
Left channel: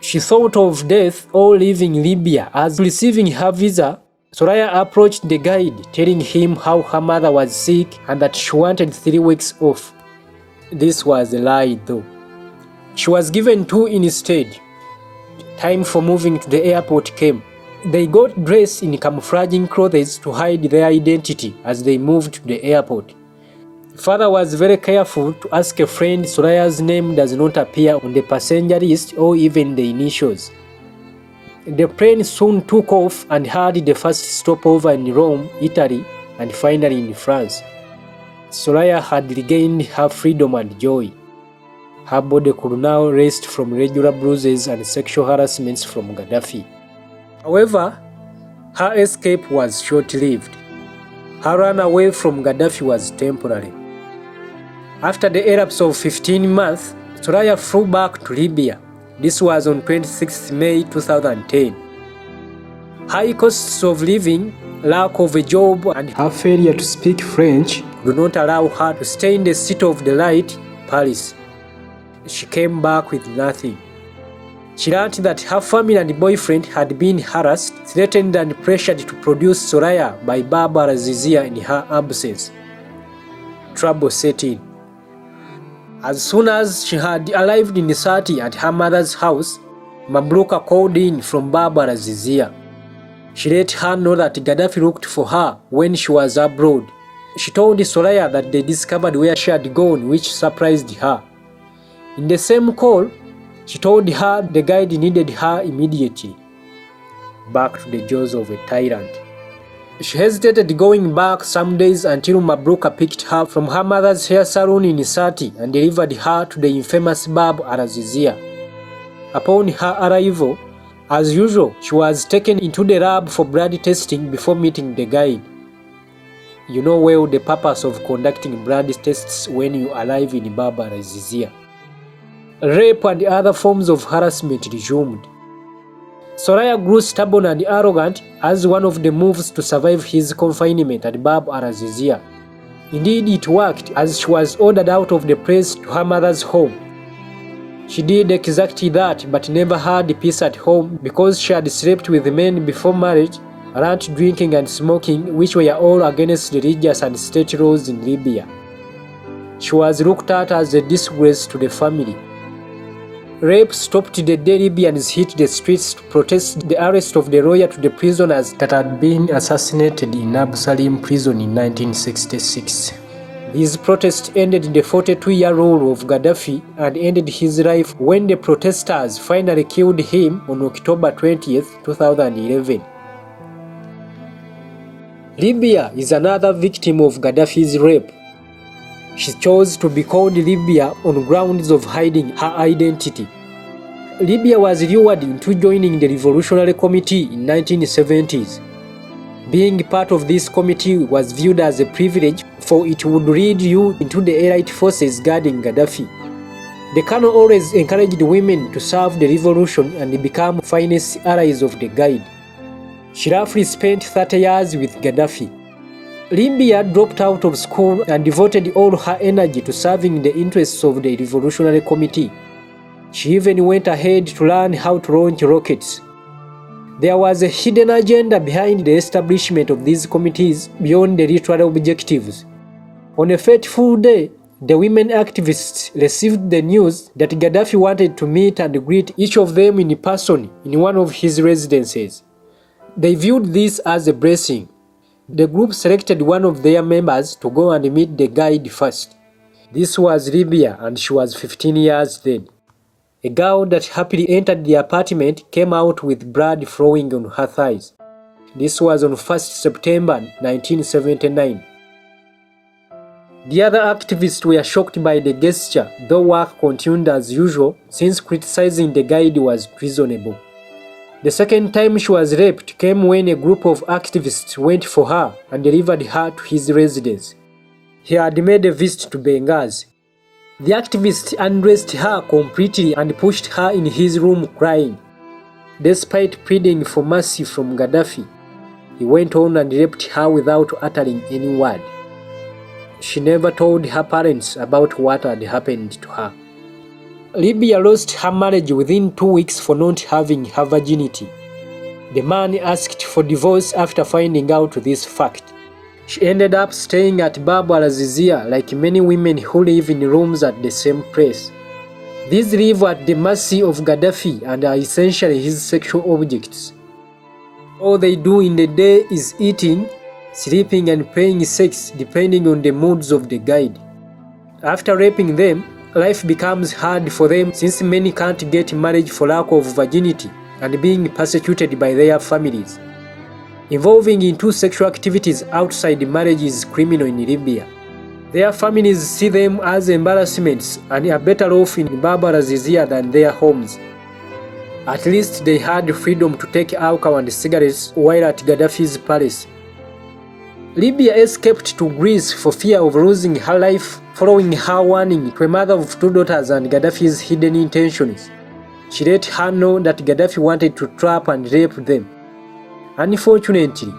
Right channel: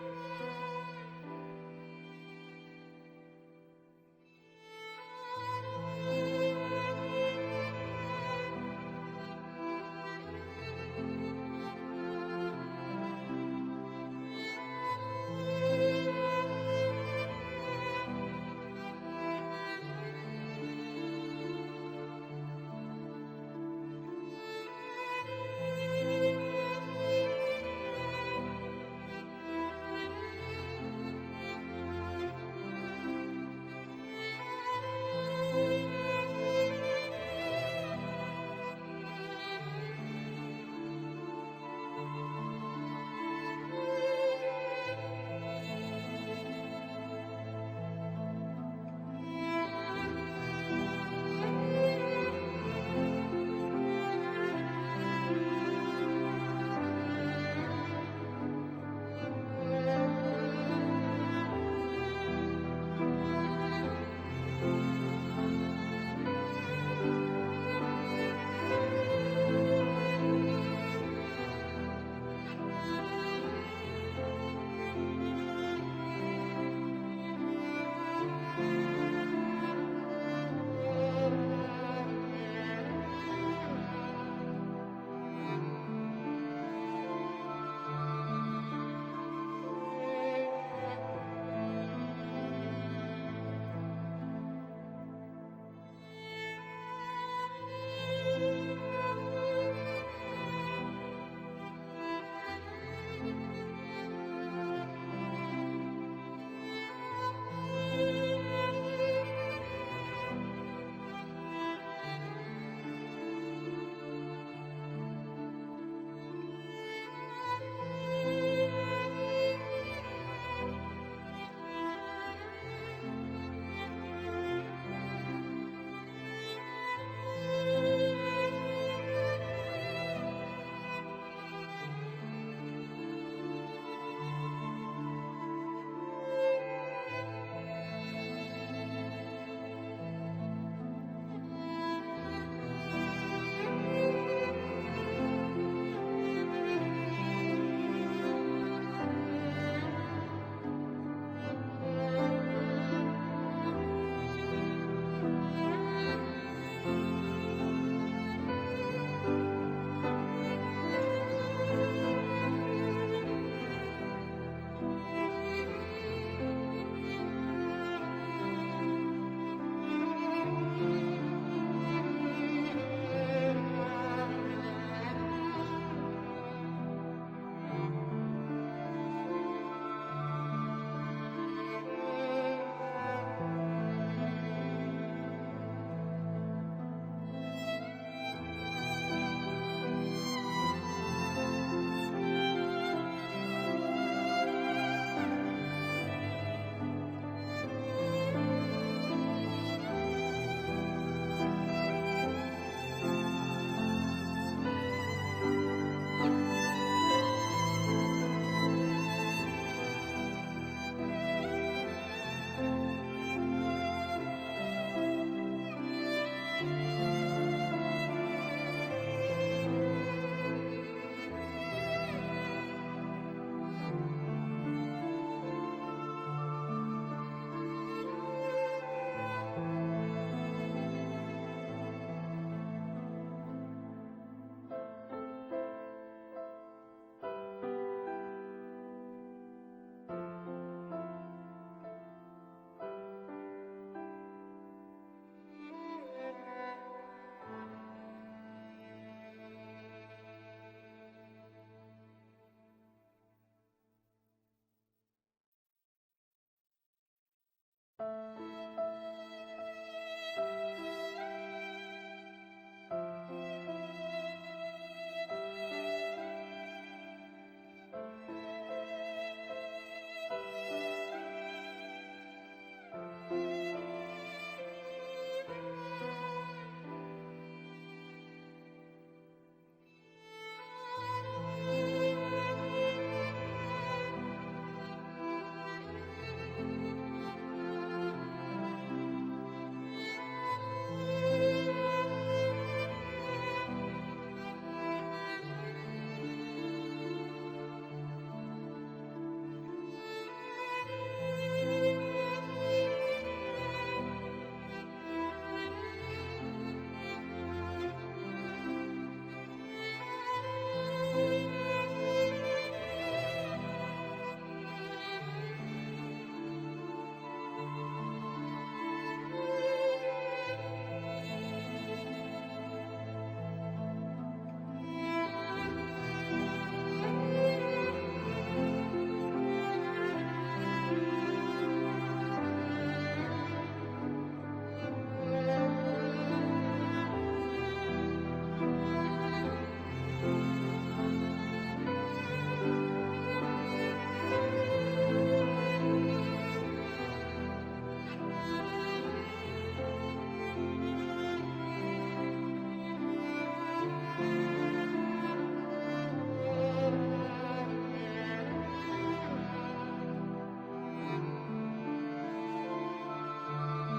She thought of death or leaving Libya as receiving her visa. Soraya approached the guide, telling him how her mother was sick and that she wanted 3 weeks off. This was a lie though. She was given 2 instead. Time for moving to the airport came. They got dressed in camouflaging clothes to hide their identity as they moved to the airport. Father was very careful to ask a friend Soraya's name does not appear on the passenger list or even the initials. The plane soon took off and had the first stopover in Rome, Italy, and finally in France. Soraya had regained her freedom and joy. Her body could now rest from regular bruises and sexual harassments from Gaddafi. However, her escape was short-lived. Her run away from Gaddafi was temporary. After the elapse of 15 months, Soraya flew back to Libya. This was on 26 May 2010. High costs of living, lack of a job, and her failure to speak French do not allow her to stay in the city of the light, Paris. She came back with nothing. She learned that her family and boyfriend had been harassed, threatened and pressured to produce Soraya by Bab al-Azizia in her absence. Trouble set in. As soon as she had arrived in Sati at her mother's house, Mabruka called in from Bab al-Azizia. She let her know that Gaddafi looked for her when she was abroad. She told Soraya that they discovered where she had gone, which surprised her. In the same call, she told her the guide needed her immediately. Back to the jaws of a tyrant. She hesitated going back some days until Mabruka picked her from her mother's hair salon in Sati and delivered her to the infamous Bab al-Azizia. Upon her arrival, as usual, she was taken into the lab for blood testing before meeting the guide. You know well the purpose of conducting blood tests when you arrive in Bab al-Azizia. Rape and other forms of harassment resumed. Soraya grew stubborn and arrogant as one of the moves to survive his confinement at Bab al-Azizia. Indeed, it worked, as she was ordered out of the place to her mother's home. She did exactly that, but never had peace at home because she had slept with men before marriage, learnt drinking and smoking, which were all against religious and state laws in Libya. She was looked at as a disgrace to the family. Rape stopped the day Libyans hit the streets to protest the arrest of the lawyer to the prisoners that had been assassinated in Abu Salim prison in 1966. His protest ended the 42-year rule of Gaddafi and ended his life when the protesters finally killed him on October 20, 2011. Libya is another victim of Gaddafi's rape. She chose to be called Libya on grounds of hiding her identity. Libya was lured into joining the Revolutionary Committee in 1970s. Being part of this committee was viewed as a privilege, for it would lead you into the elite forces guarding Gaddafi. The colonel always encouraged women to serve the revolution and become finest allies of the Guide. She roughly spent 30 years with Gaddafi. Libya dropped out of school and devoted all her energy to serving the interests of the Revolutionary Committee. She even went ahead to learn how to launch rockets. There was a hidden agenda behind the establishment of these committees beyond the literal objectives. On a fateful day, the women activists received the news that Gaddafi wanted to meet and greet each of them in person in one of his residences. They viewed this as a blessing. The group selected one of their members to go and meet the Guide first. This was Libya, and she was 15 years then. A girl that happily entered the apartment came out with blood flowing on her thighs. This was on 1st September 1979. The other activists were shocked by the gesture, though work continued as usual since criticizing the Guide was treasonable. The second time she was raped came when a group of activists went for her and delivered her to his residence. He had made a visit to Benghazi. The activists undressed her completely and pushed her in his room crying. Despite pleading for mercy from Gaddafi, he went on and raped her without uttering any word. She never told her parents about what had happened to her. Libya lost her marriage within 2 weeks for not having her virginity. The man asked for divorce after finding out this fact. She ended up staying at Bab al-Azizia like many women who live in rooms at the same place. These live at the mercy of Gaddafi and are essentially his sexual objects. All they do in the day is eating, sleeping and playing sex depending on the moods of the Guide. After raping them, life becomes hard for them since many can't get married for lack of virginity and being persecuted by their families. Involving in sexual activities outside marriage is criminal in Libya. Their families see them as embarrassments and are better off in Bab al-Azizia than their homes. At least they had freedom to take alcohol and cigarettes while at Gaddafi's palace. Libya escaped to Greece for fear of losing her life following her warning to a mother of 2 daughters and Gaddafi's hidden intentions. She let her know that Gaddafi wanted to trap and rape them. Unfortunately,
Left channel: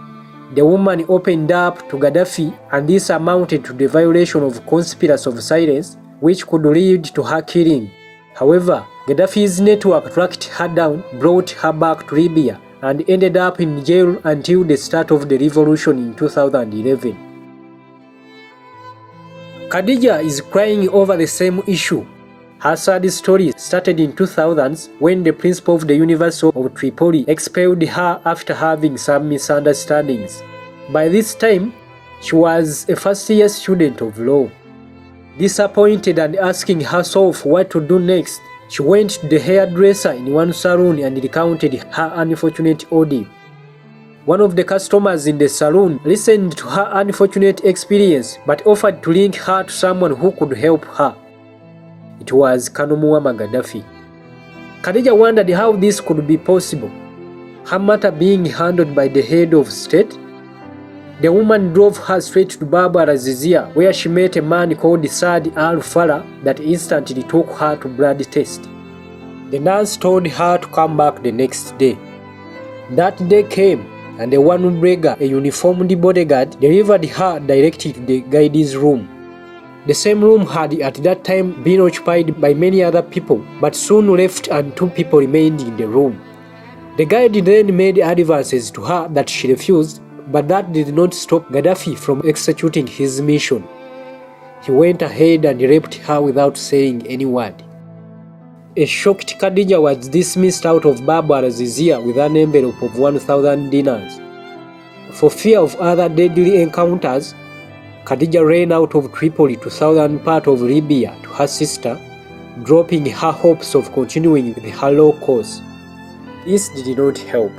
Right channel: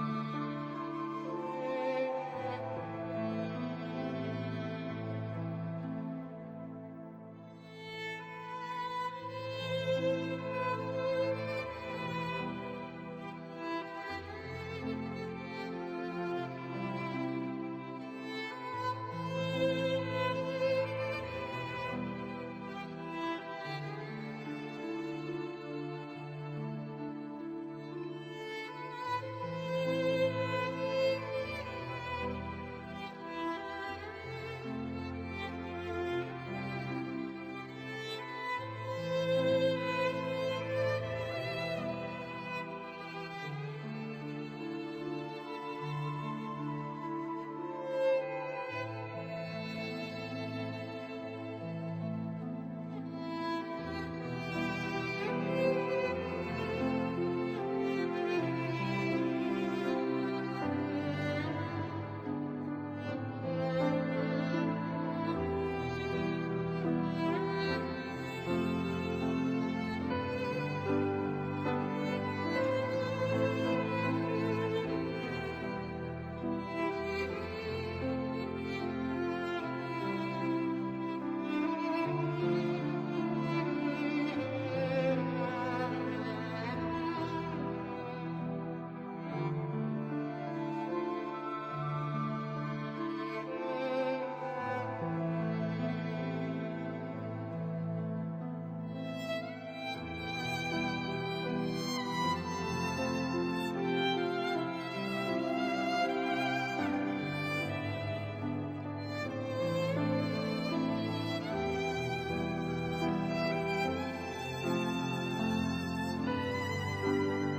the woman opened up to Gaddafi, and this amounted to the violation of conspiracy of silence, which could lead to her killing. However, Gaddafi's network tracked her down, brought her back to Libya, and ended up in jail until the start of the revolution in 2011. Khadija is crying over the same issue. Her sad story started in 2000s when the principal of the University of Tripoli expelled her after having some misunderstandings. By this time, she was a first-year student of law. Disappointed and asking herself what to do next, she went to the hairdresser in one salon and recounted her unfortunate ordeal. One of the customers in the salon listened to her unfortunate experience but offered to link her to someone who could help her. It was Colonel Gaddafi. Khadija wondered how this could be possible, her matter being handled by the head of state. The woman drove her straight to Bab al-Azizia, where she met a man called Saad al-Farah that instantly took her to blood test. The nurse told her to come back the next day. That day came, and a one beggar, a uniformed bodyguard, delivered her directly to the guide's room. The same room had at that time been occupied by many other people, but soon left and 2 people remained in the room. The guide then made advances to her that she refused, but that did not stop Gaddafi from executing his mission. He went ahead and raped her without saying any word. A shocked Khadija was dismissed out of Bab al-Azizia with an envelope of 1,000 dinars. For fear of other deadly encounters, Khadija ran out of Tripoli to southern part of Libya to her sister, dropping her hopes of continuing with her law course. This did not help.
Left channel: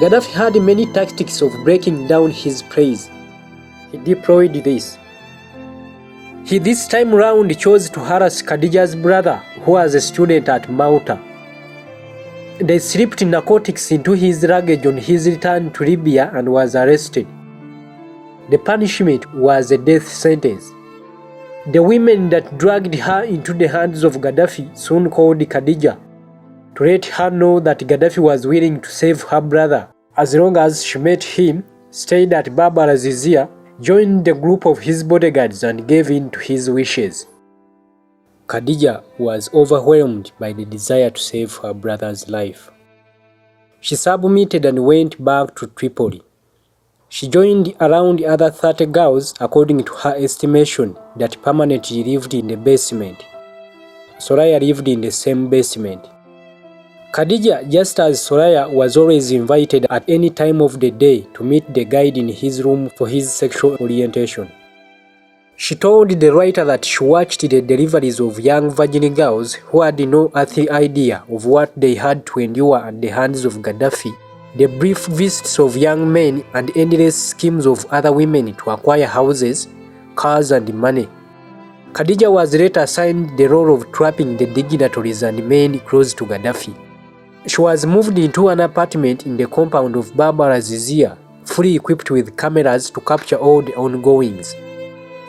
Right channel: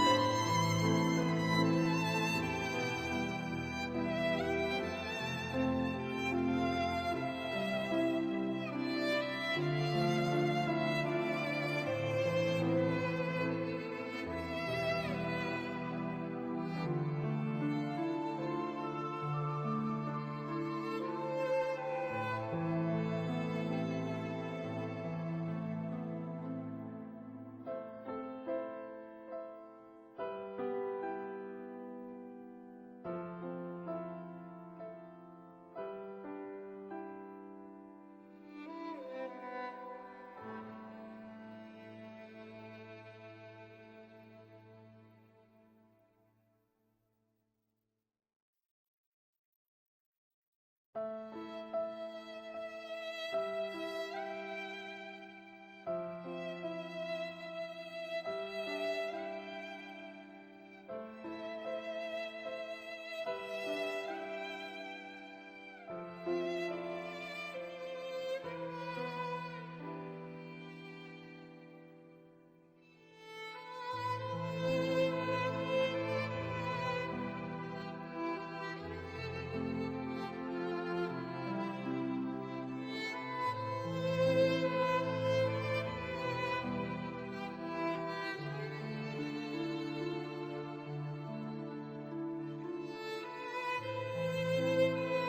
Gaddafi had many tactics of breaking down his praise. He deployed this. He this time round chose to harass Khadija's brother, who was a student at Malta. They slipped narcotics into his luggage on his return to Libya and was arrested. The punishment was a death sentence. The women that dragged her into the hands of Gaddafi soon called Khadija to let her know that Gaddafi was willing to save her brother as long as she met him, stayed at Bab al-Azizia, joined the group of his bodyguards and gave in to his wishes. Khadija was overwhelmed by the desire to save her brother's life. She submitted and went back to Tripoli. She joined around other 30 girls, according to her estimation, that permanently lived in the basement. Soraya lived in the same basement. Khadija, just as Soraya, was always invited at any time of the day to meet the guide in his room for his sexual orientation. She told the writer that she watched the deliveries of young virgin girls who had no earthly idea of what they had to endure at the hands of Gaddafi, the brief visits of young men, and endless schemes of other women to acquire houses, cars, and money. Khadija was later assigned the role of trapping the dignitaries and men close to Gaddafi. She was moved into an apartment in the compound of Bab al-Azizia, fully equipped with cameras to capture all the ongoings.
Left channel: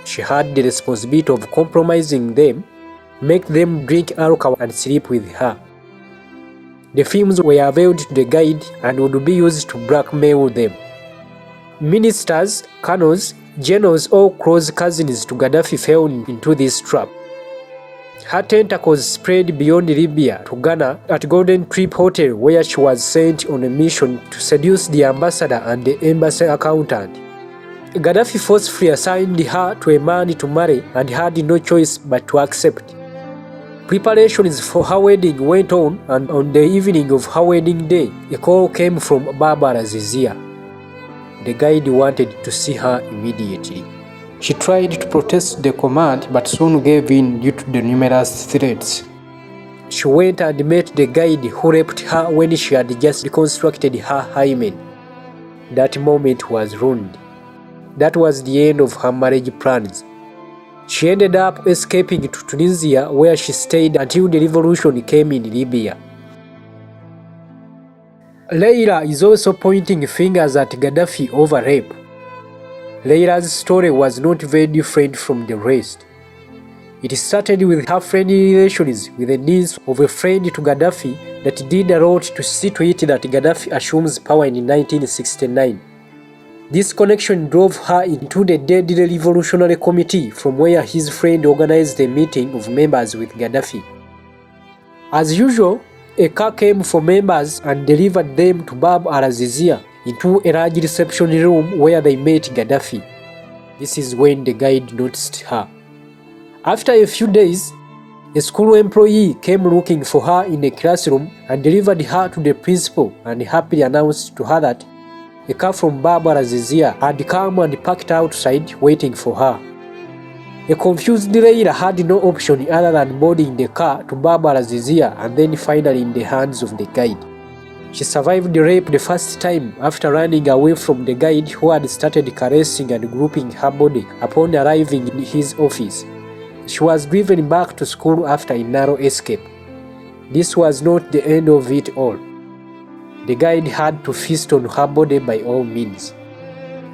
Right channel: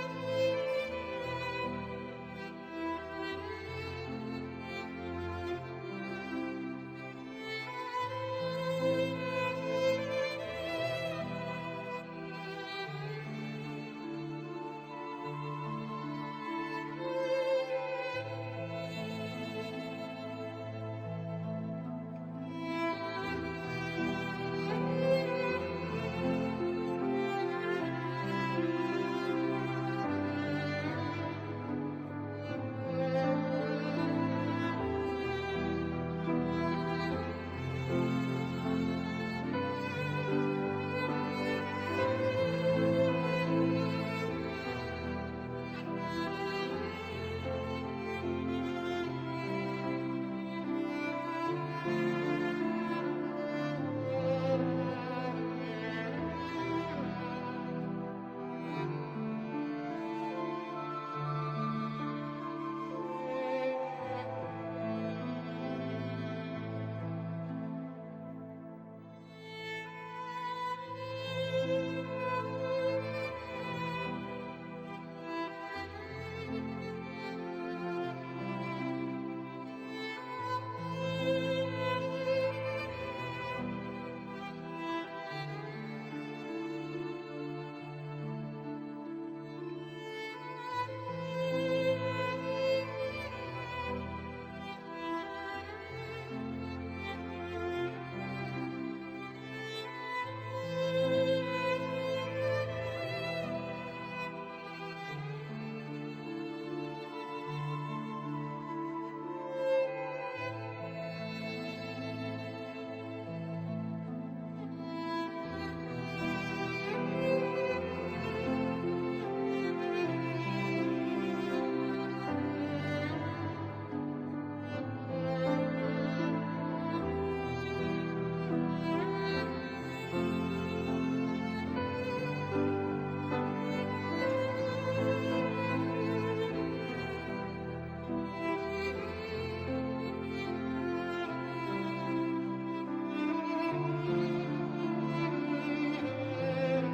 She had the responsibility of compromising them, make them drink alcohol and sleep with her. The films were availed to the guide and would be used to blackmail them. Ministers, colonels, generals, all close cousins to Gaddafi fell into this trap. Her tentacles spread beyond Libya to Ghana at Golden Trip Hotel, where she was sent on a mission to seduce the ambassador and the embassy accountant. Gaddafi forcefully assigned her to a man to marry and had no choice but to accept. Preparations for her wedding went on, and on the evening of her wedding day, a call came from Bab al-Azizia. The guide wanted to see her immediately. She tried to protest the command but soon gave in due to the numerous threats. She went and met the guide who raped her when she had just reconstructed her hymen. That moment was ruined. That was the end of her marriage plans. She ended up escaping to Tunisia, where she stayed until the revolution came in Libya. Leila is also pointing fingers at Gaddafi over rape. Leila's story was not very different from the rest. It started with her friendly relations with the niece of a friend to Gaddafi that did a lot to see to it that Gaddafi assumes power in 1969. This connection drove her into the deadly revolutionary committee, from where his friend organized a meeting of members with Gaddafi. As usual, a car came for members and delivered them to Bab al-Azizia, into a large reception room where they met Gaddafi. This is when the guide noticed her. After a few days, a school employee came looking for her in a classroom and delivered her to the principal and happily announced to her that a car from Bab al-Azizia had come and parked outside waiting for her. A confused Leila had no option other than boarding the car to Bab al-Azizia and then finally in the hands of the guide. She survived the rape the first time after running away from the guide who had started caressing and grouping her body upon arriving in his office. She was driven back to school after a narrow escape. This was not the end of it all. The guide had to feast on her body by all means.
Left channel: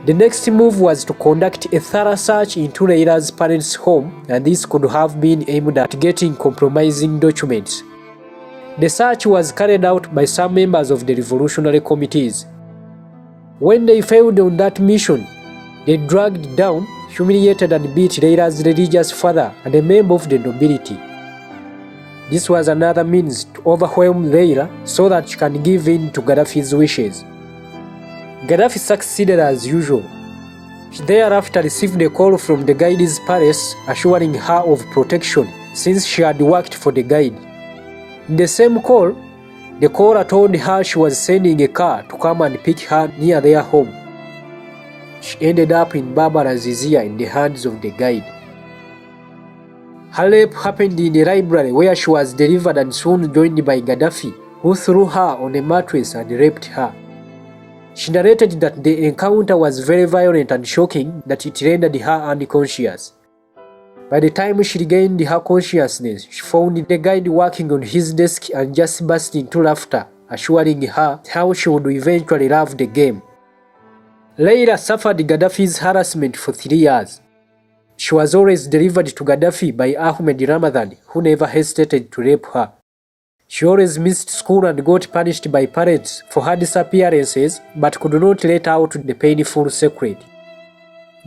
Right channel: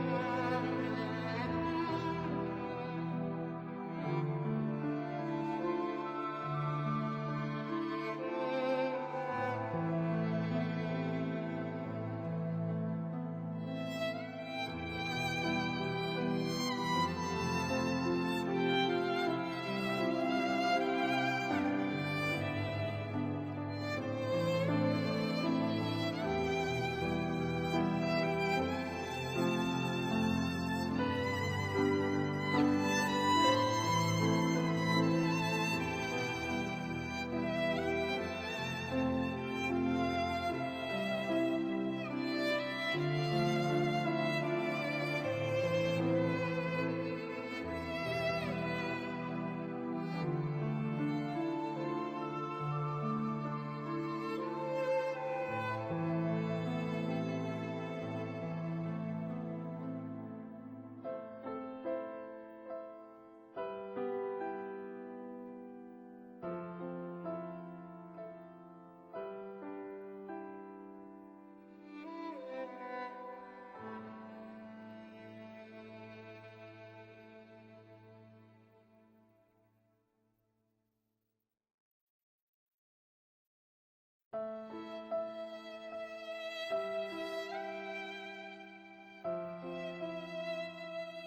The next move was to conduct a thorough search into Leila's parents' home, and this could have been aimed at getting compromising documents. The search was carried out by some members of the revolutionary committees. When they failed on that mission, they dragged down, humiliated and beat Leila's religious father and a member of the nobility. This was another means to overwhelm Leila so that she can give in to Gaddafi's wishes. Gaddafi succeeded as usual. He thereafter received a call from the guide's palace assuring her of protection since she had worked for the guide. In the same call, the caller told her she was sending a car to come and pick her near their home. She ended up in Barbara's Azizia in the hands of the guide. Her rape happened in the library where she was delivered and soon joined by Gaddafi, who threw her on a mattress and raped her. She narrated that the encounter was very violent and shocking that it rendered her unconscious. By the time she regained her consciousness, she found the guide working on his desk and just burst into laughter, assuring her how she would eventually love the game. Leila suffered Gaddafi's harassment for 3 years. She was always delivered to Gaddafi by Ahmed Ramadan, who never hesitated to rape her. She always missed school and got punished by parents for her disappearances, but could not let out the painful secret.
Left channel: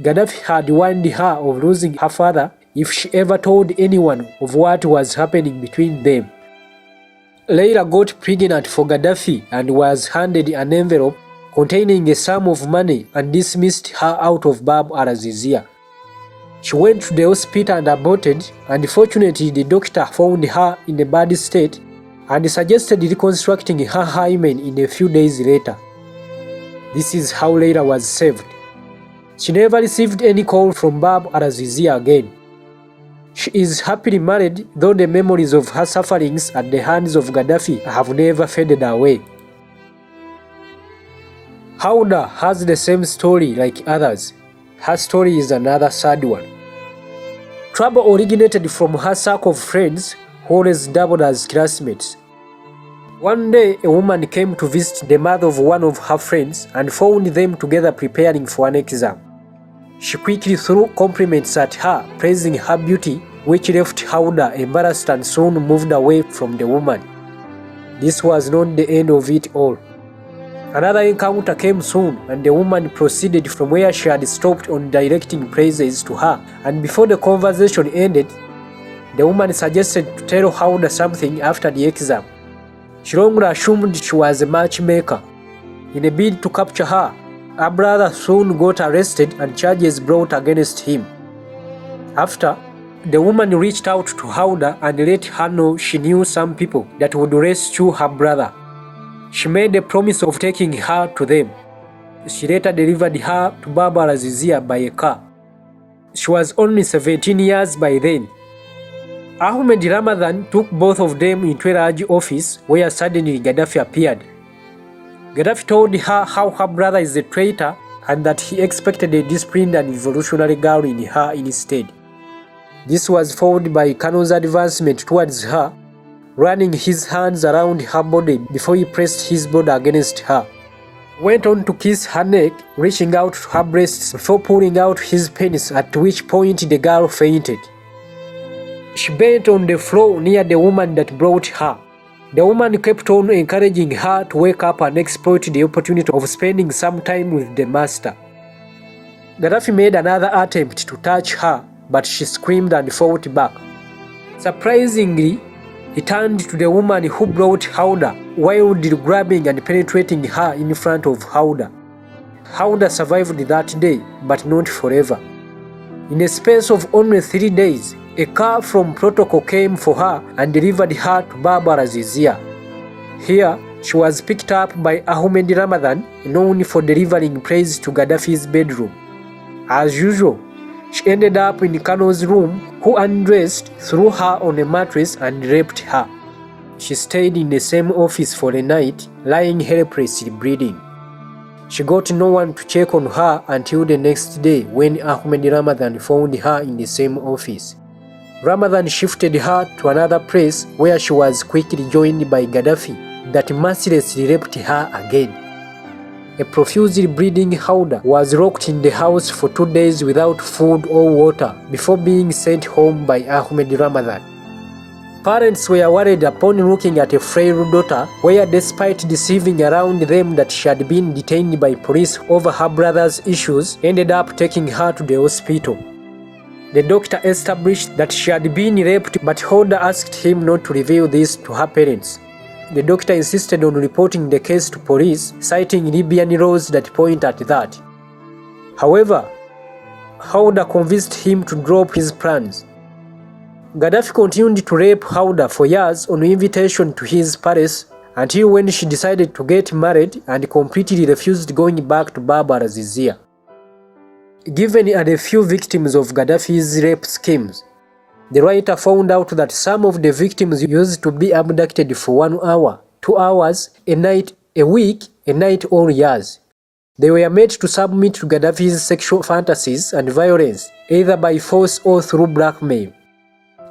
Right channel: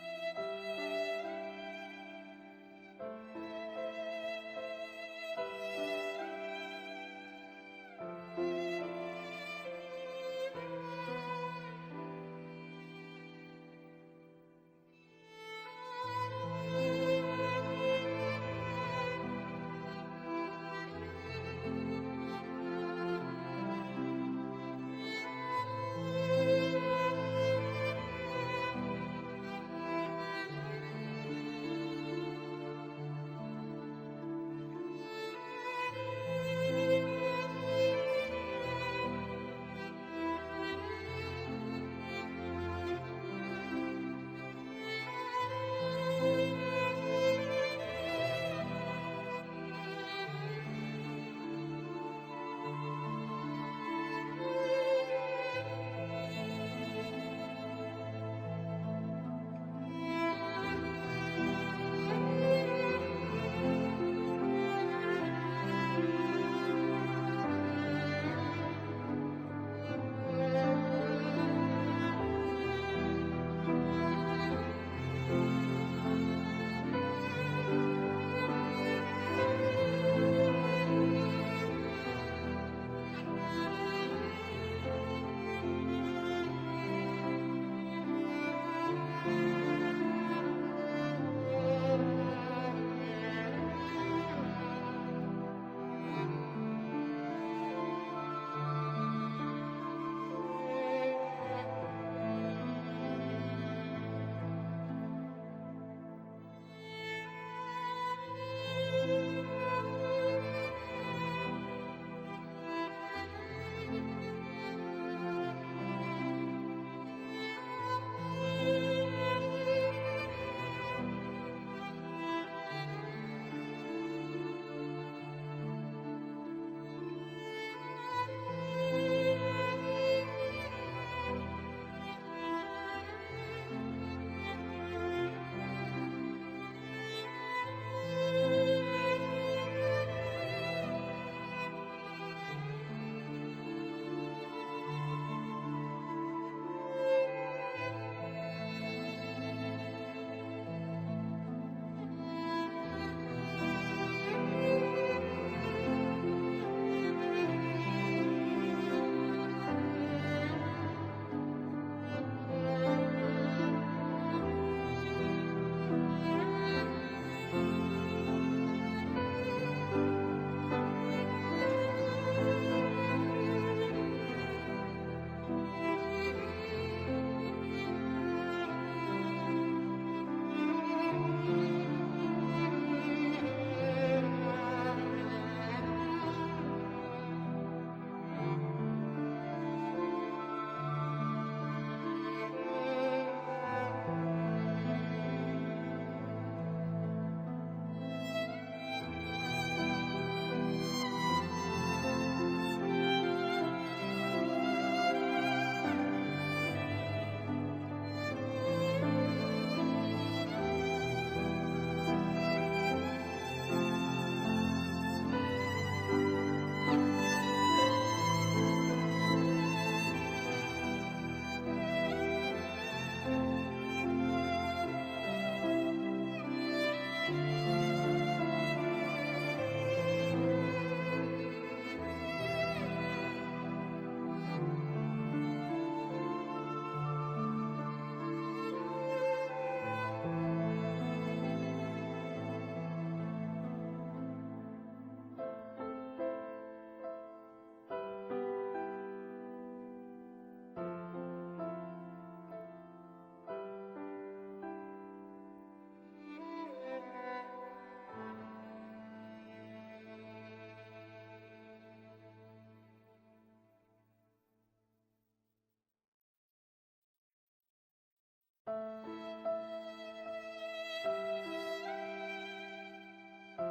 Gaddafi had warned her of losing her father if she ever told anyone of what was happening between them. Leila got pregnant for Gaddafi and was handed an envelope containing a sum of money and dismissed her out of Bab al-Azizia. She went to the hospital and aborted, and fortunately the doctor found her in a bad state and suggested reconstructing her hymen in a few days later. This is how Leila was saved. She never received any call from Bab al-Azizia again. She is happily married, though the memories of her sufferings at the hands of Gaddafi have never faded away. Hauda has the same story like others. Her story is another sad one. Trouble originated from her circle of friends who always doubled as classmates. One day, a woman came to visit the mother of one of her friends and found them together preparing for an exam. She quickly threw compliments at her, praising her beauty, which left Hauda embarrassed and soon moved away from the woman. This was not the end of it all. Another encounter came soon, and the woman proceeded from where she had stopped on directing praises to her, and before the conversation ended, the woman suggested to tell Hauda something after the exam. She wrongly assumed she was a matchmaker. In a bid to capture her, her brother soon got arrested and charges brought against him. After, the woman reached out to Hauda and let her know she knew some people that would rescue her brother. She made a promise of taking her to them. She later delivered her to Bab al-Azizia by a car. She was only 17 years by then. Ahmed Ramadan took both of them into a large office where suddenly Gaddafi appeared. Gaddafi told her how her brother is a traitor and that he expected a disciplined and revolutionary girl in her instead. This was followed by Kano's advancement towards her, running his hands around her body before he pressed his body against her. Went on to kiss her neck, reaching out to her breasts before pulling out his penis, at which point the girl fainted. She bent on the floor near the woman that brought her. The woman kept on encouraging her to wake up and exploit the opportunity of spending some time with the master. Gaddafi made another attempt to touch her, but she screamed and fought back. Surprisingly, he turned to the woman who brought Hauda, wildly grabbing and penetrating her in front of Hauda. Hauda survived that day, but not forever. In a space of only 3 days, a car from protocol came for her and delivered her to Bab al-Azizia. Here, she was picked up by Ahmed Ramadan, known for delivering praise to Gaddafi's bedroom. As usual, she ended up in Kano's room, who undressed, threw her on a mattress and raped her. She stayed in the same office for a night, lying helplessly bleeding. She got no one to check on her until the next day when Ahmed Ramadan found her in the same office. Ramadan shifted her to another place where she was quickly joined by Gaddafi, that mercilessly raped her again. A profusely bleeding Hauda was locked in the house for 2 days without food or water before being sent home by Ahmed Ramadan. Parents were worried upon looking at a frail daughter, where despite deceiving around them that she had been detained by police over her brother's issues, ended up taking her to the hospital. The doctor established that she had been raped, but Holder asked him not to reveal this to her parents. The doctor insisted on reporting the case to police, citing Libyan laws that point at that. However, Holder convinced him to drop his plans. Gaddafi continued to rape Holder for years on invitation to his palace until when she decided to get married and completely refused going back to Bab al-Azizia. Given are the few victims of Gaddafi's rape schemes, the writer found out that some of the victims used to be abducted for 1 hour, 2 hours, a night, a week, a night, or years. They were made to submit to Gaddafi's sexual fantasies and violence, either by force or through blackmail.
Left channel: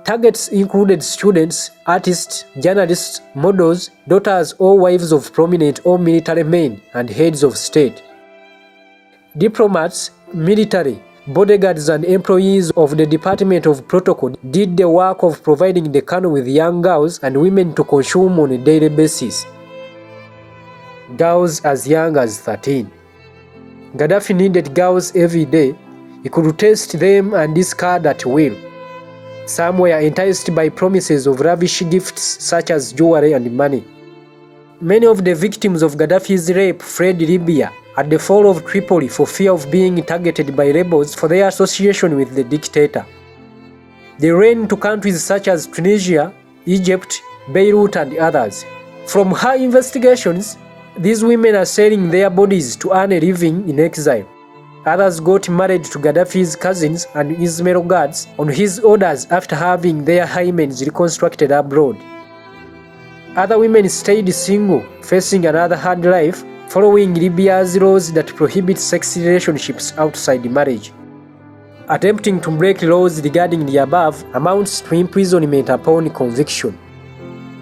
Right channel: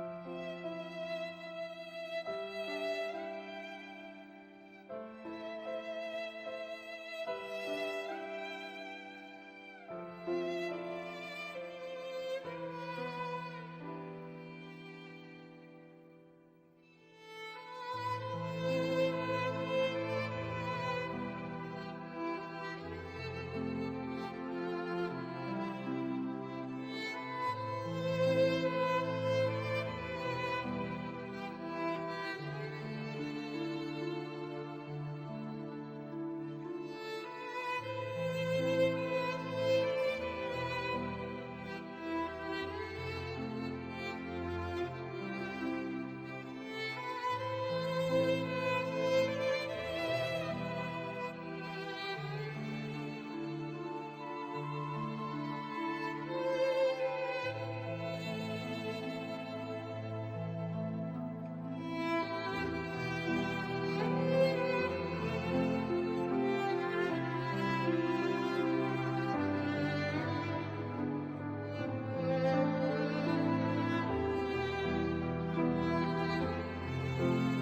Targets included students, artists, journalists, models, daughters or wives of prominent or military men and heads of state. Diplomats, military, bodyguards and employees of the Department of Protocol did the work of providing the colonel with young girls and women to consume on a daily basis. Girls as young as 13. Gaddafi needed girls every day. He could test them and discard at will. Some were enticed by promises of lavish gifts such as jewelry and money. Many of the victims of Gaddafi's rape fled Libya at the fall of Tripoli for fear of being targeted by rebels for their association with the dictator. They ran to countries such as Tunisia, Egypt, Beirut, and others. From her investigations, these women are selling their bodies to earn a living in exile. Others got married to Gaddafi's cousins and Ismail guards on his orders after having their hymens reconstructed abroad. Other women stayed single, facing another hard life, following Libya's laws that prohibit sex relationships outside marriage. Attempting to break laws regarding the above amounts to imprisonment upon conviction.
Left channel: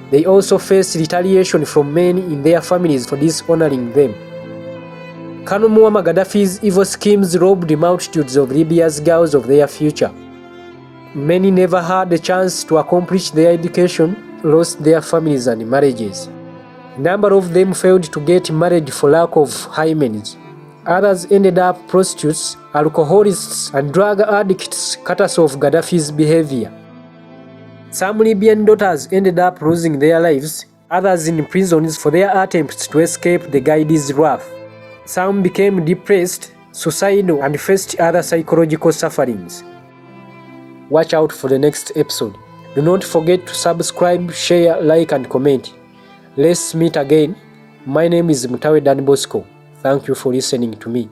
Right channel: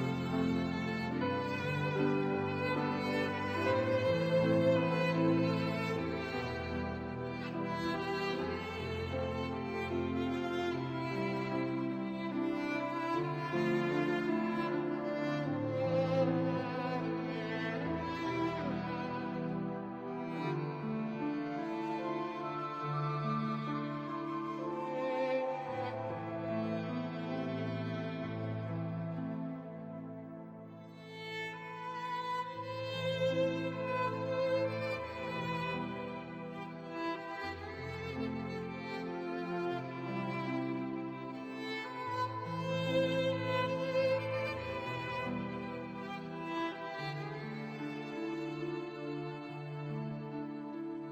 They also face retaliation from men in their families for dishonoring them. Colonel Muammar Gaddafi's evil schemes robbed multitudes of Libya's girls of their future. Many never had the chance to accomplish their education, lost their families and marriages. A number of them failed to get married for lack of hymens. Others ended up prostitutes, alcoholists, and drug addicts cut off Gaddafi's behavior. Some Libyan daughters ended up losing their lives, others in prisons for their attempts to escape the Gaidi's wrath. Some became depressed, suicidal, and faced other psychological sufferings. Watch out for the next episode. Do not forget to subscribe, share, like, and comment. Let's meet again. My name is Mutawe Dan Bosco. Thank you for listening to me.